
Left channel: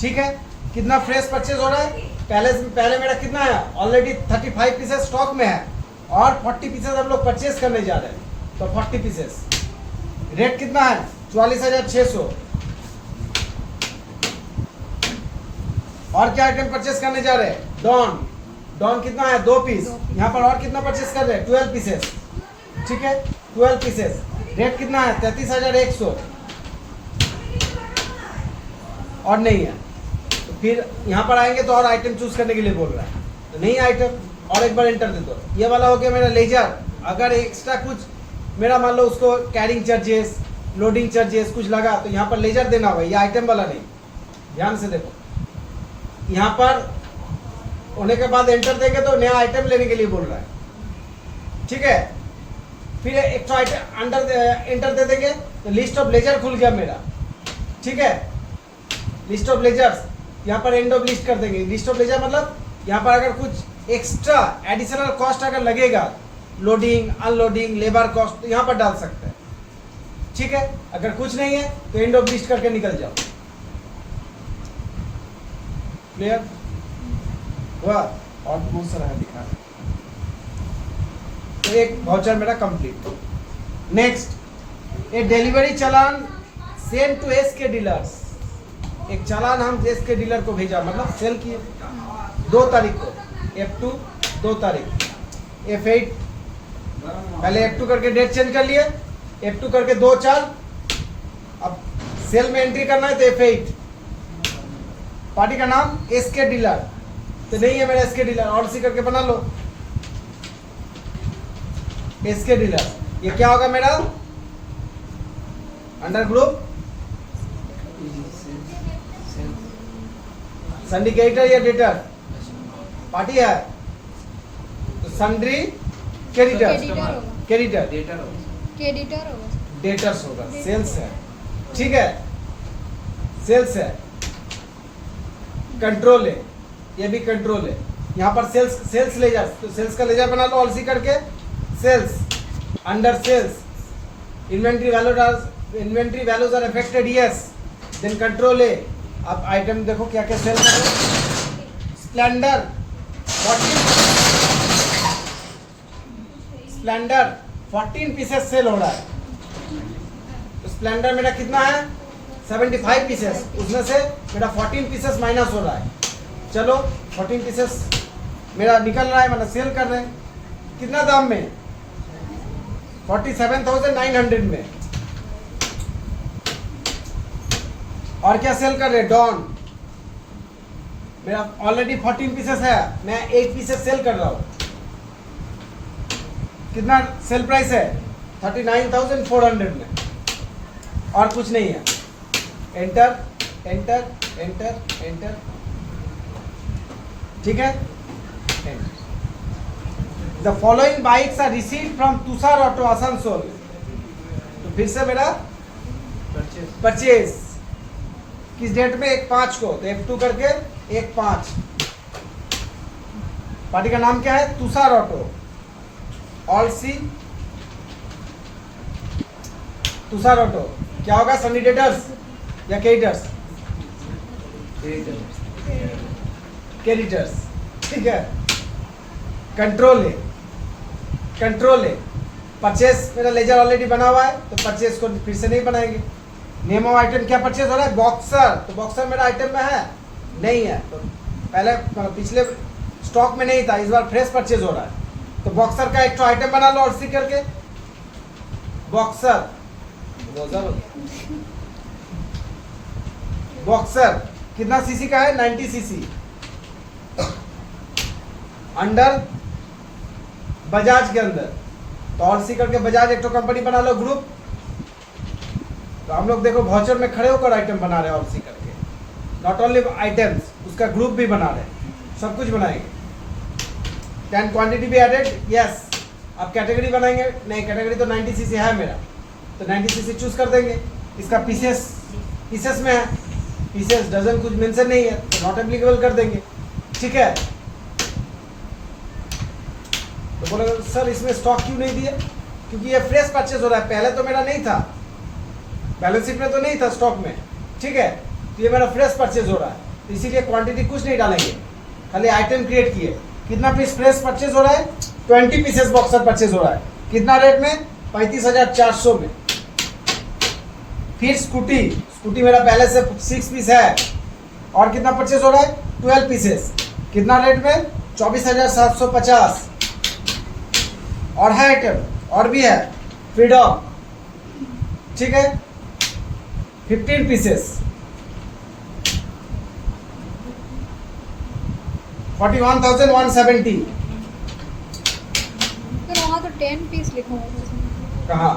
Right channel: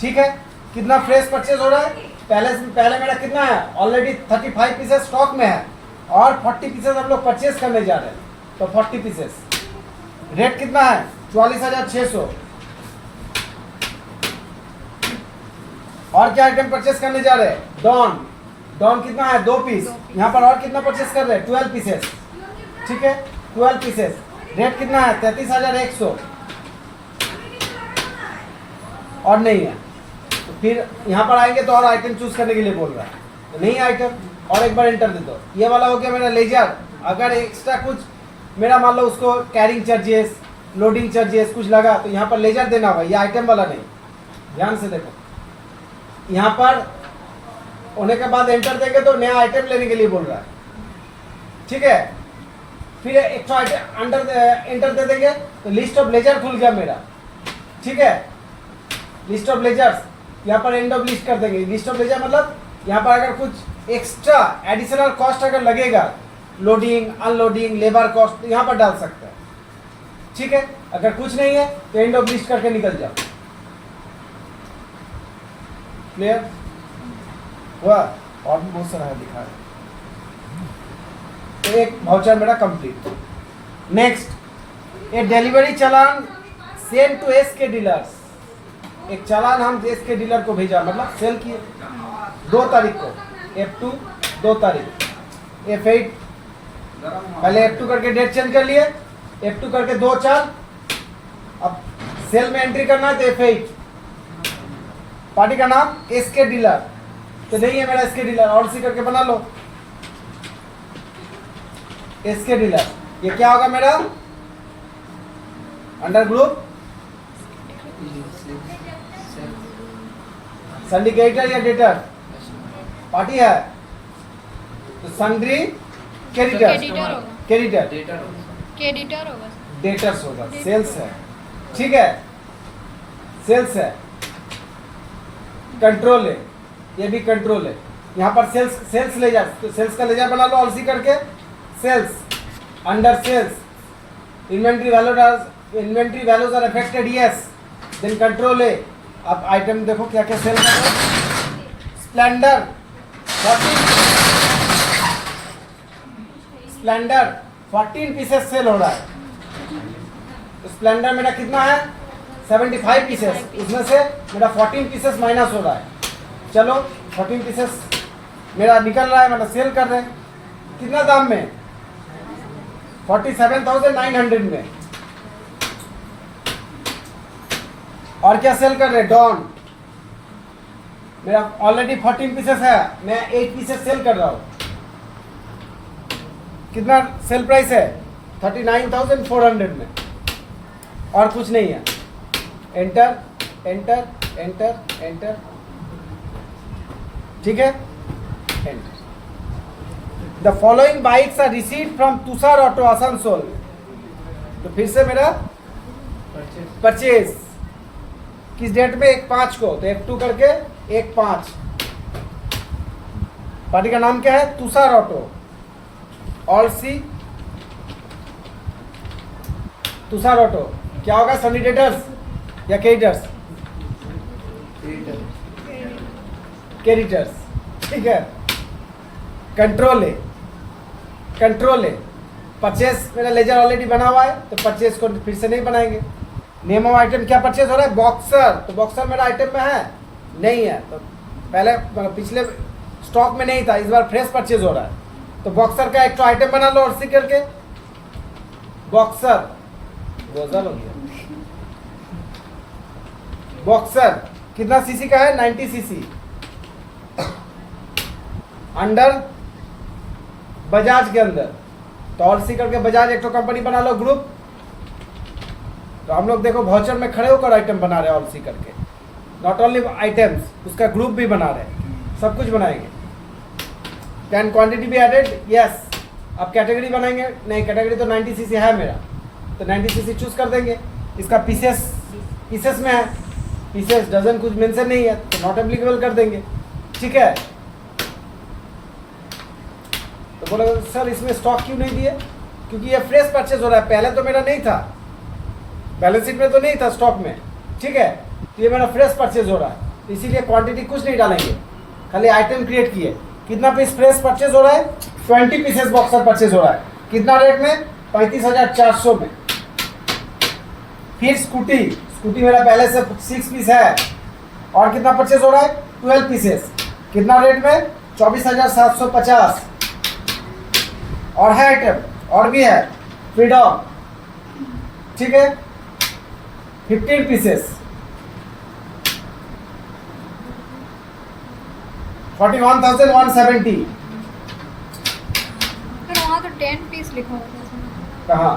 ठीक है। कितना फ्रेश परचेज हो रहा है? पहले मेरा कितना है? ऑलरेडी 35 पीसेस स्टॉक में है, और 40 पीसेस हम लोग परचेज करने जा रहे हैं। तो 40 पीसेस, रेट कितना है? 44,600। और क्या आइटम परचेस करने जा रहे हैं? डॉन, डॉन कितना है? 2 पीस। यहाँ पर और कितना परचेस कर रहे हैं? 12 पीसेस, ठीक है, 12 पीसेस। रेट कितना है? 33,100। और नहीं है, तो फिर यहाँ पर आएंगे तो और आइटम चूज करने के लिए बोल रहा है, तो नहीं आइटम, और एक बार एंटर दे दो। ये वाला हो गया मेरा लेजर। अगर एक्स्ट्रा कुछ मेरा मान लो उसको कैरिंग चार्जेस, लोडिंग चार्जेस कुछ लगा, तो यहाँ पर लेजर देना होगा, ये आइटम वाला नहीं। ध्यान से देखो, यहाँ पर होने के बाद एंटर देंगे तो नया आइटम लेने के लिए बोल रहा है, ठीक है। फिर एक तो आइटम अंडर एंटर दे देंगे तो लिस्ट ऑफ लेजर खुल गया मेरा, ठीक है। लिस्ट ऑफ लेजर्स, यहाँ पर एंड ऑफ लिस्ट कर देंगे। लिस्ट ऑफ लेजर मतलब यहाँ पर अगर कुछ एक्स्ट्रा एडिशनल कॉस्ट अगर लगेगा, लोडिंग, अनलोडिंग, लेबर कॉस्ट, तो यहाँ पर डाल सकते हैं, ठीक है, अगर कुछ नहीं है तो एंड ऑफ लिस्ट करके निकल जाओ। क्लियर हुआ? और भी बहुत सारा है दिखा रहा। तो एक वाउचर मेरा complete. Next, a delivery challan send to S K dealers. एक चालान हम एस के डीलर को भेजा, मतलब सेल किए 2 तारीख को, F2 2 तारीख, F8 पहले F2 करके डेट चेंज कर लिए, F2 करके 2/4, अब सेल में एंट्री करना है तो F8। पार्टी का नाम एस के डीलर, तो नहीं है मेरा एस के डीलर, और सी करके बना लो एस के डीलर। ये क्या होगा मेरा अंडर ग्रुप सिंडिकेटर या डेटर पार्टी है, तो सन्ड्री क्रेडिटर, क्रेडिटर होगा, क्रेडिटर होगा, डेटर्स होगा, सेल्स है, ठीक है, सेल्स है, कंट्रोल है, ये भी कंट्रोल है। यहाँ पर सेल्स ले जा, तो सेल्स का लेजर बना लो ऑलसी करके, sales under sales inventory values are affected, yes, then control है। अब आइटम देखो क्या क्या सेल कर रहा है। स्प्लेंडर 14 पीसेस सेल हो रहा है, तो स्प्लेंडर मेरा कितना है 75 पीसेस, उसमें से मेरा 14 पीसेस माइनस हो रहा है। चलो 14 पीसेस मेरा निकल रहा है, मतलब सेल कर रहे हैं कितना दाम में, 47,900 में। और क्या सेल कर रहे हैं, डॉन मेरा ऑलरेडी 14 पीसेस है, मैं 8 पीसेस सेल कर रहा हूँ। कितना सेल प्राइस है 39,400 में, और कुछ नहीं है। एंटर एंटर एंटर एंटर, ठीक है, enter. The following bikes are received from Tushar auto Asansol, तो फिर से मेरा परचेज किस डेट में 1/5 को, तो F2 करके 1/5। पार्टी का नाम क्या है, तुषार ऑटो, ऑल सी तुषार ऑटो। क्या होगा, सैनिटेटर्स या क्रेडिटर्स, क्रेडिटर्स, ठीक है, कंट्रोल है, कंट्रोल है। परचेस मेरा लेजर ऑलरेडी बना हुआ है, तो परचेस को फिर से नहीं बनाएंगे। नेम ऑफ आइटम क्या परचेज हो रहा है, बॉक्सर, तो बॉक्सर मेरा आइटम में है नहीं है, तो पहले पिछले स्टॉक में नहीं था, इस बार फ्रेश परचेज हो रहा है, तो बॉक्सर का एक तो आइटम बना लो और सी करके बॉक्सर, बॉक्सर कितना सीसी का है, 90 सीसी, अंडर बजाज के अंदर, तो और सी करके बजाज एक तो कंपनी बना लो, ग्रुप। तो हम लोग देखो वाउचर में खड़े होकर आइटम बना रहे हैं, ऑल सी करके, नॉट ओनली आइटम्स, उसका ग्रुप भी बना रहे हैं, सब कुछ बनाएंगे। कैन क्वांटिटी भी एडेड, यस। अब कैटेगरी बनाएंगे, नहीं कैटेगरी तो 90 सीसी है मेरा, तो 90 सीसी चूज कर देंगे। इसका पीसेस में है, पीसेस डजन कुछ मेंशन नहीं है, तो नॉट एप्लीकेबल कर देंगे, ठीक है। तो बोला सर इसमें स्टॉक क्यों नहीं दिया, क्योंकि ये फ्रेश परचेज हो रहा है, पहले तो मेरा नहीं था, बैलेंस शीट में तो नहीं था स्टॉक में, ठीक है, तो ये मेरा फ्रेश परचेज हो रहा है, तो इसीलिए क्वांटिटी कुछ नहीं डालेंगे, खाली आइटम क्रिएट किए। कितना पीस फ्रेश परचेज हो रहा है, 20 पीसेस बॉक्सर परचेज हो रहा है, कितना रेट में, 35,400 में। फिर स्कूटी मेरा पहले से 6 पीस है, और कितना परचेज हो रहा है, 12 पीसेस, कितना रेट में, 24,750। और है आइटम और भी है, फ्रीडम, ठीक है, 15 पीसेस, 41,170। फिर वहाँ तो 10 पीस लिखा हुआ था। कहाँ,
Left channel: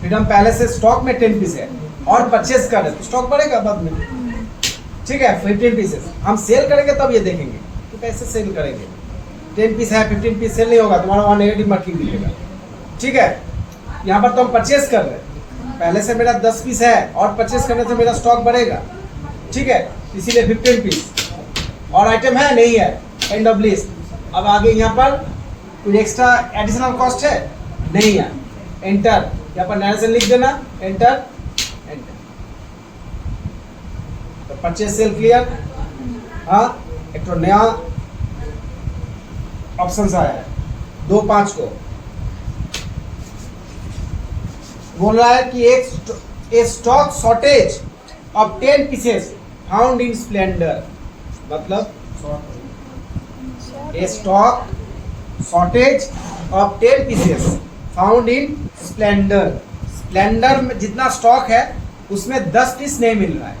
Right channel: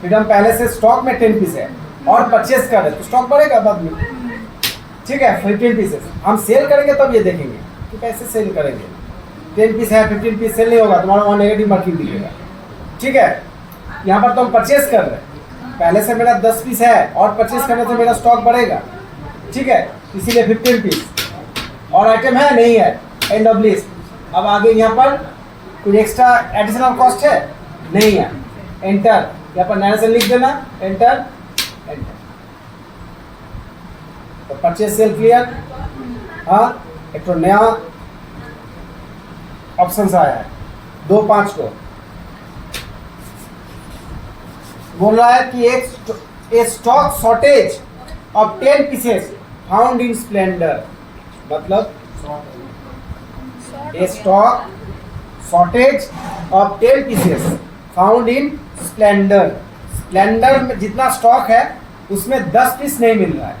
फ्रीडम पहले से स्टॉक में 10 पीस है, और परचेज कर रहे तो स्टॉक बढ़ेगा बाद में, ठीक है। 15 पीसेस हम सेल करेंगे तब ये देखेंगे कि कैसे सेल करेंगे। 10 पीस है, 15 पीस सेल नहीं होगा, तुम्हारा वहाँ नेगेटिव मार्किंग दिखेगा, ठीक है। यहाँ पर तो हम परचेज कर रहे हैं, पहले से मेरा 10 पीस है, और परचेज करने से मेरा स्टॉक बढ़ेगा, ठीक है, इसीलिए 15 पीस। और आइटम है नहीं है, एंड ऑफ लिस्ट। अब आगे यहाँ पर कुछ एक्स्ट्रा एडिशनल कॉस्ट है नहीं है, एंटर, यहाँ पर नया से लिख देना एंटर एंटर। तो परचेज सेल क्लियर। हाँ, एक तो नया ऑप्शन आया है 2-5 को बोल रहा है कि एक stock shortage of 10 pieces found in Splendor, मतलब a stock shortage of 10 pieces found in Splendor. Splendor में जितना स्टॉक है उसमें 10 पीस नहीं मिल रहा है,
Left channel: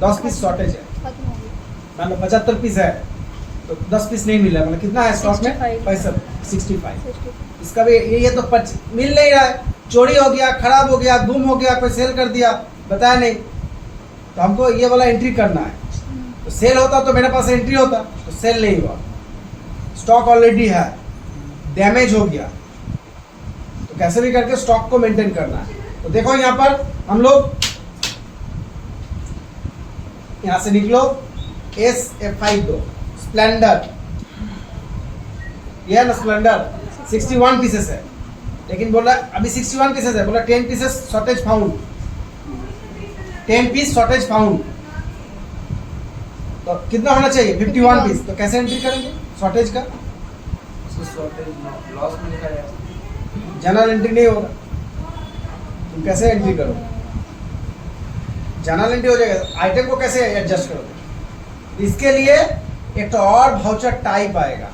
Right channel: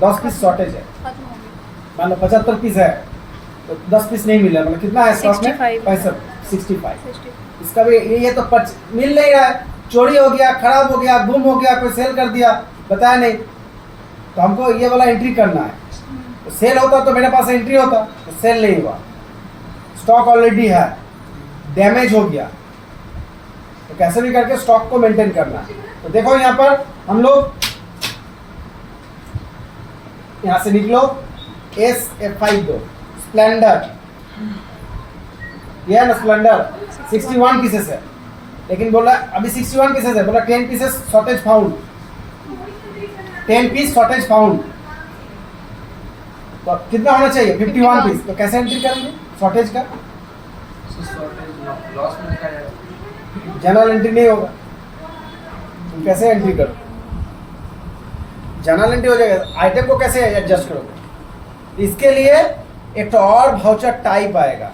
10 पीस शॉर्टेज है। खत्म हो गया। मान लो 75 पीस है तो 10 पीस नहीं मिल रहा है, मतलब कितना है स्टॉक में? 65। 65। इसका भी ये तो मिल नहीं रहा है, चोरी हो गया, खराब हो गया, गुम हो गया, कोई सेल कर दिया, बताया नहीं, तो हमको ये वाला एंट्री करना है। तो सेल होता तो मेरे पास एंट्री होता, तो सेल नहीं हुआ, स्टॉक ऑलरेडी है, डैमेज हो गया, तो कैसे भी करके स्टॉक को मेंटेन करना है। तो देखो यहाँ पर हम लोग यहाँ से निकलो SF5 दो, स्प्लेंडर, ये है ना स्प्लेंडर 61 पीसेस है, लेकिन बोला अभी 61 पीसेस है, बोला 10 pieces shortage found, 10 piece shortage found, तो कितना होना चाहिए? 51 पीस। तो कैसे एंट्री करेंगे शॉर्टेज का? लॉस में लिखा जाएगा। जनरल एंट्री नहीं होगा, तुम कैसे एंट्री करोगे? जनरल एंट्री हो जाएगा, आइटम को कैसे एडजस्ट करोगे? इसके लिए एक तो और वाउचर टाइप आएगा,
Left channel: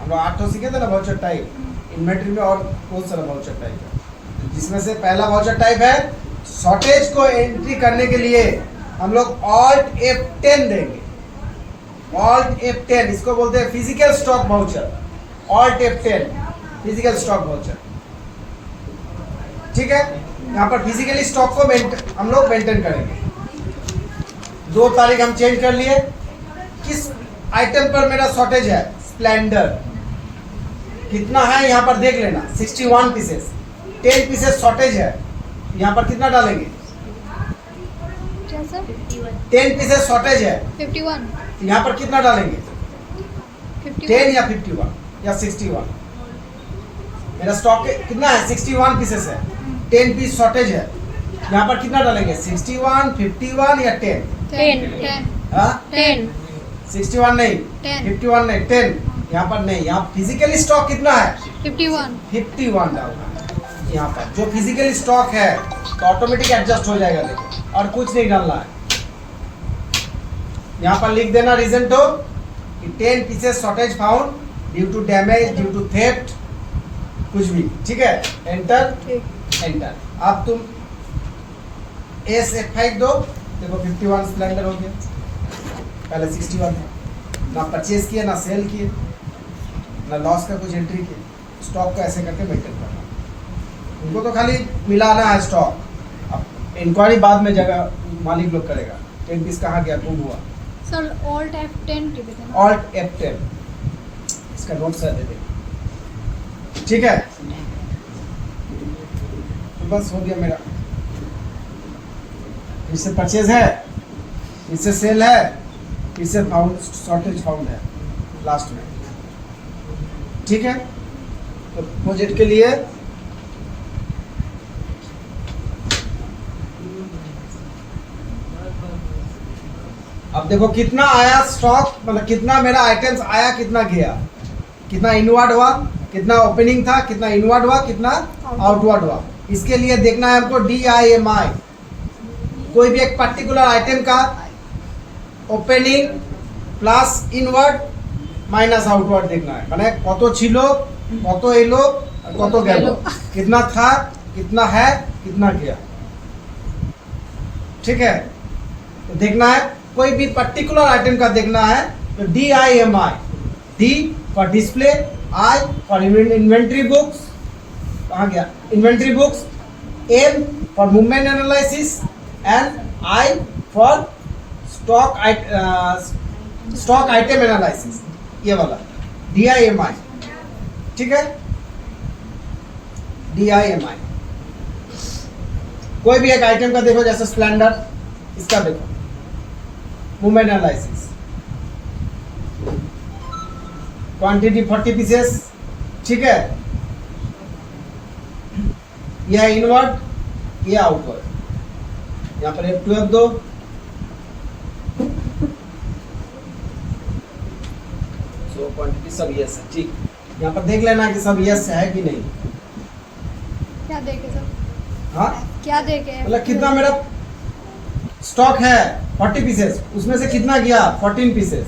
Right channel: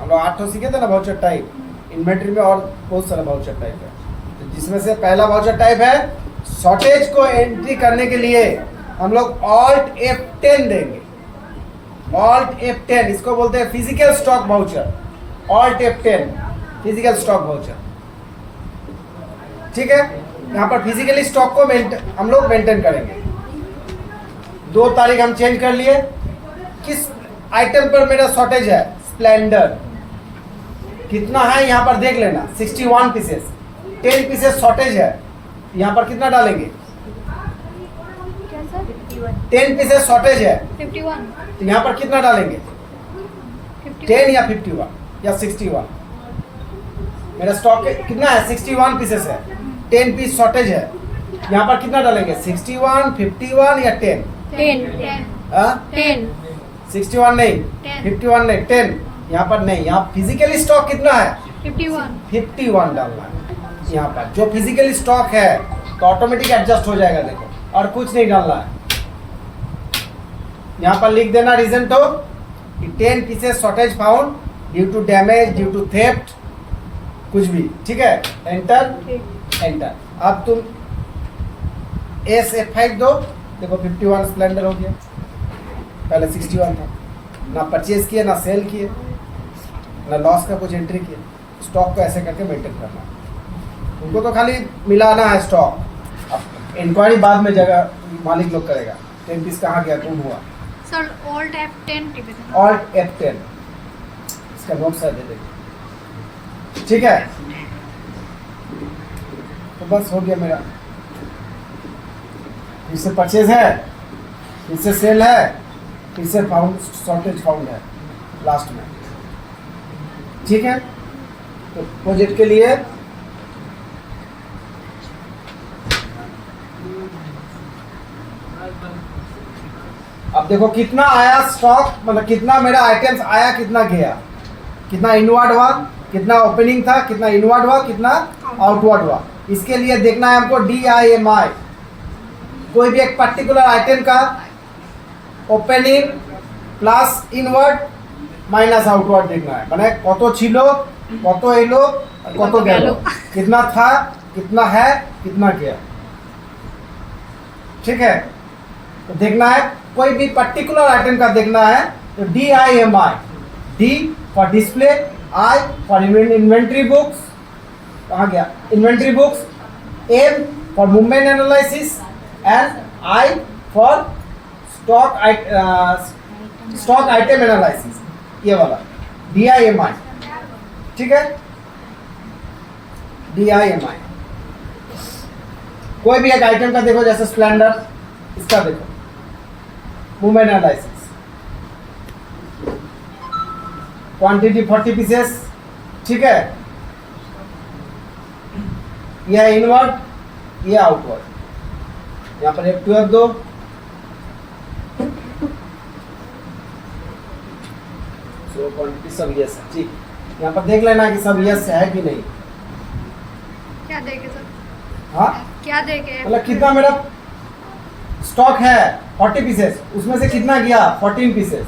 हम लोग 8 सीखे थे ना वाउचर टाइप, इन्वेंट्री में और बहुत सारा वाउचर टाइप है, जिसमें से पहला वाउचर टाइप है शॉर्टेज को एंट्री करने के लिए हम लोग Alt F10 देंगे, Alt F10, इसको बोलते हैं physical stock voucher, Alt F10 physical stock voucher, ठीक है। यहाँ पर फिजिकली स्टॉक को हम लोग मेंटेन करेंगे। 2 तारीख हम चेंज कर लिए, किस आइटम पर मेरा शॉर्टेज है? स्प्लेंडर, कितना है यहाँ पर देख लेना, 61 पीसेस, 10 पीसेस शॉर्टेज है, यहाँ पर कितना डालेंगे? क्या सर? 10 पीसेस शॉर्टेज है, 51। तो यहाँ पर कितना डालेंगे? 10 या 51 या 61? मेरा स्टॉक कितना है? 61 पीसेस है, 10 पीस शॉर्टेज है, यहाँ पर कितना डालेंगे? 61, 51 या 10? 10। हाँ, 10। 61 नहीं, 10। 51 नहीं, 10 यहाँ पर नहीं। यहाँ फिजिकली स्टॉक कितना है? 51। 51 डालना है यहाँ पर, जो फिजिकली स्टॉक है तो ऑटोमेटिक एडजस्ट हो जाएगा, देखो, और कुछ नहीं डालना है। यहाँ पर लिख देना रीजन तो 10 pieces shortage found due to damage, due to theft, कुछ भी, ठीक है। Enter enter. अब तुम SF5 दो, देखो 51 स्प्लेंडर हो गया, पहले 61 था, ना परचेज किए, ना सेल किए, ना लॉस का कुछ एंट्री किए। स्टॉक को ऐसे करके मेंटेन करना, उनको तो खाली मिलाना है स्टॉक, अब इंक्वायरी बाद में जगह मालिक लोग करेगा, 10 पीस कहाँ गया, गुम हुआ। सर Alt F10 टिपे थे। Alt F10, इसका नोट सर दे देंगे, ठीक है। तो बस हो गया मेरा, इससे परचेज है, इससे सेल है, इससे फाउंड शॉर्टेज फाउंड है लास्ट में, ठीक है। तो प्रोजेक्ट के लिए अब देखो कितना आया स्टॉक, मतलब कितना मेरा आइटम्स आया, कितना गया, कितना इनवर्ड हुआ, कितना ओपनिंग था, कितना इनवर्ड हुआ, कितना आउटवर्ड हुआ। इसके लिए देखना है हमको DIMI, कोई भी एक पर्टिकुलर आइटम का opening plus inward minus outward देखना है, माने কত ছিল, কত এলো, কত গেল, कितना था, कितना है, कितना गया, ठीक है। तो देखना है कोई भी पर्टिकुलर आइटम का देखना है, तो DIMI, D for display, I for inventory books, कहाँ गया inventory books, M for movement analysis and I for stock item analysis, ये वाला DIMI, ठीक है। DIMI कोई भी एक आइटम का देखो, जैसे स्प्लेंडर, इसका देखो मूवमेंट एनालिसिस, क्वांटिटी 40 पीसेस, ठीक है। ये है इनवर्ड, ये आउटवर्ड। यहाँ पर F12 दो, सो क्वांटिटी सब यस है। ठीक, यहाँ पर देख लेना कि सब यस है कि नहीं। क्या देखे सर? हाँ, क्या देखे? मतलब कितना मेरा स्टॉक है 40 पीसेस, उसमें से कितना गया 14 पीसेस।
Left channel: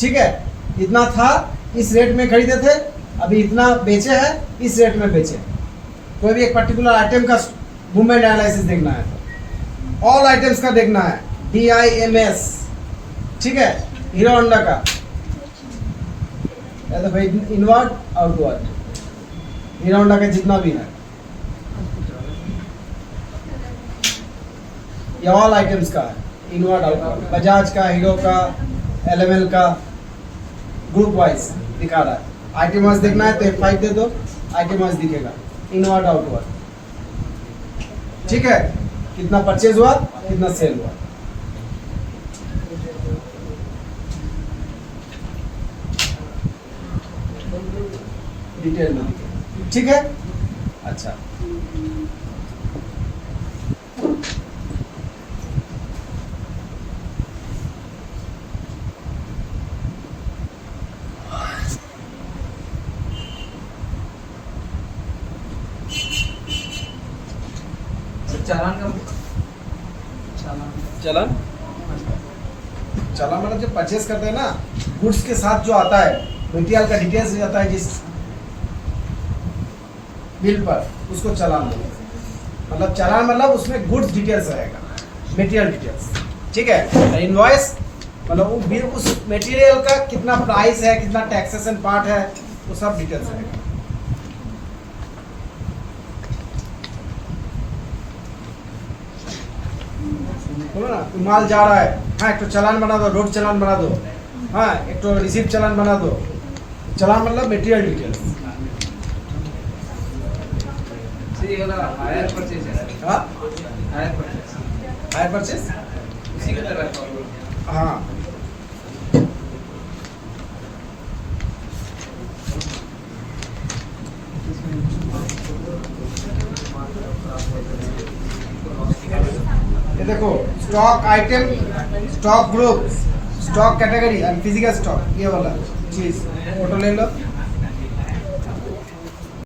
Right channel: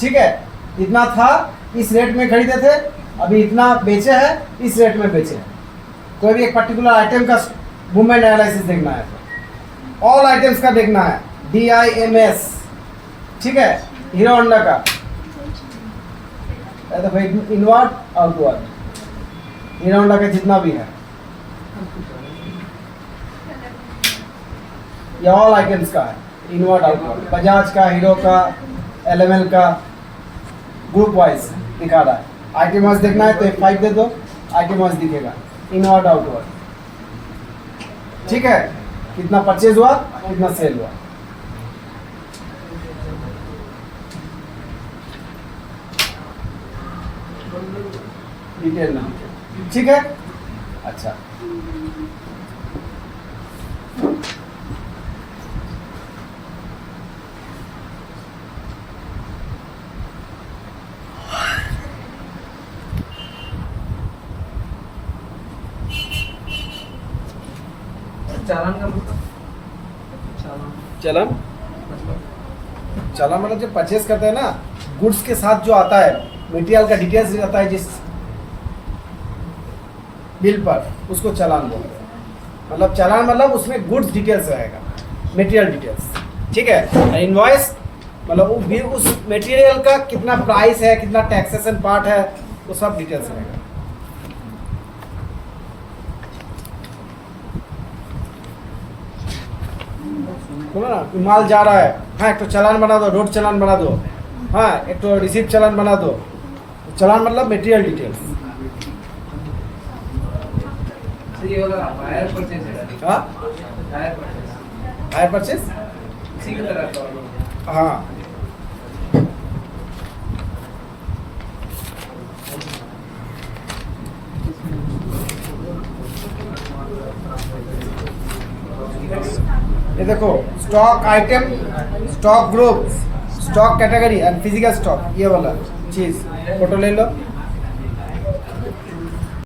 ठीक है, इतना था इस रेट में खरीदे थे, अभी इतना बेचे हैं इस रेट में बेचे। कोई भी एक पर्टिकुलर आइटम का मूवमेंट एनालिसिस देखना है, ऑल आइटम्स का देखना है, DIMS। ठीक है, हीरो होंडा का तो भाई इनवर्ड आउटवर्ड, हीरो होंडा का जितना भी है ये ऑल आइटम्स का है, इनवर्ड आउटवर्ड। बजाज का, हीरो का, LML का ग्रुप वाइज दिखा रहा है। आइटम वाइज देखना है तो F5 दे दो, आइटम वाइज दिखेगा इनवर्ड आउटवर्ड। ठीक है, कितना परचेज हुआ, कितना सेल हुआ। डिटेल में लिखे। ठीक है, अच्छा चालान का चलन चलन मतलब जो परचेस करते हैं ना, गुड्स के साथ जो आता है, मटेरियल का डिटेल्स आता है जिस बिल पर, उसको चालान बोलते हैं। मतलब चालान मतलब उसमें गुड्स डिटेल्स रहेगा, मटेरियल डिटेल्स। ठीक है, इनवॉइस मतलब वो बिल, उस मटेरियल का कितना प्राइस है, कितना टैक्सेशन पार्ट है, वो सब डिटेल्स रहेगा। सुनो ना, माल जा रहा है, हाँ एक तो चालान बना दो, रोड चालान बना दो, हाँ एक तो रिसीप्ट चालान बना दो। चालान मतलब मटेरियल डिटेल्स। ये वाला हायर परचेज है, हाँ, हायर परचेज हायर परचेस, इसी की तरह का। हाँ। ये देखो, stock item, stock group, stock category and physical stock, ये वाला चीज फोटो ले लो।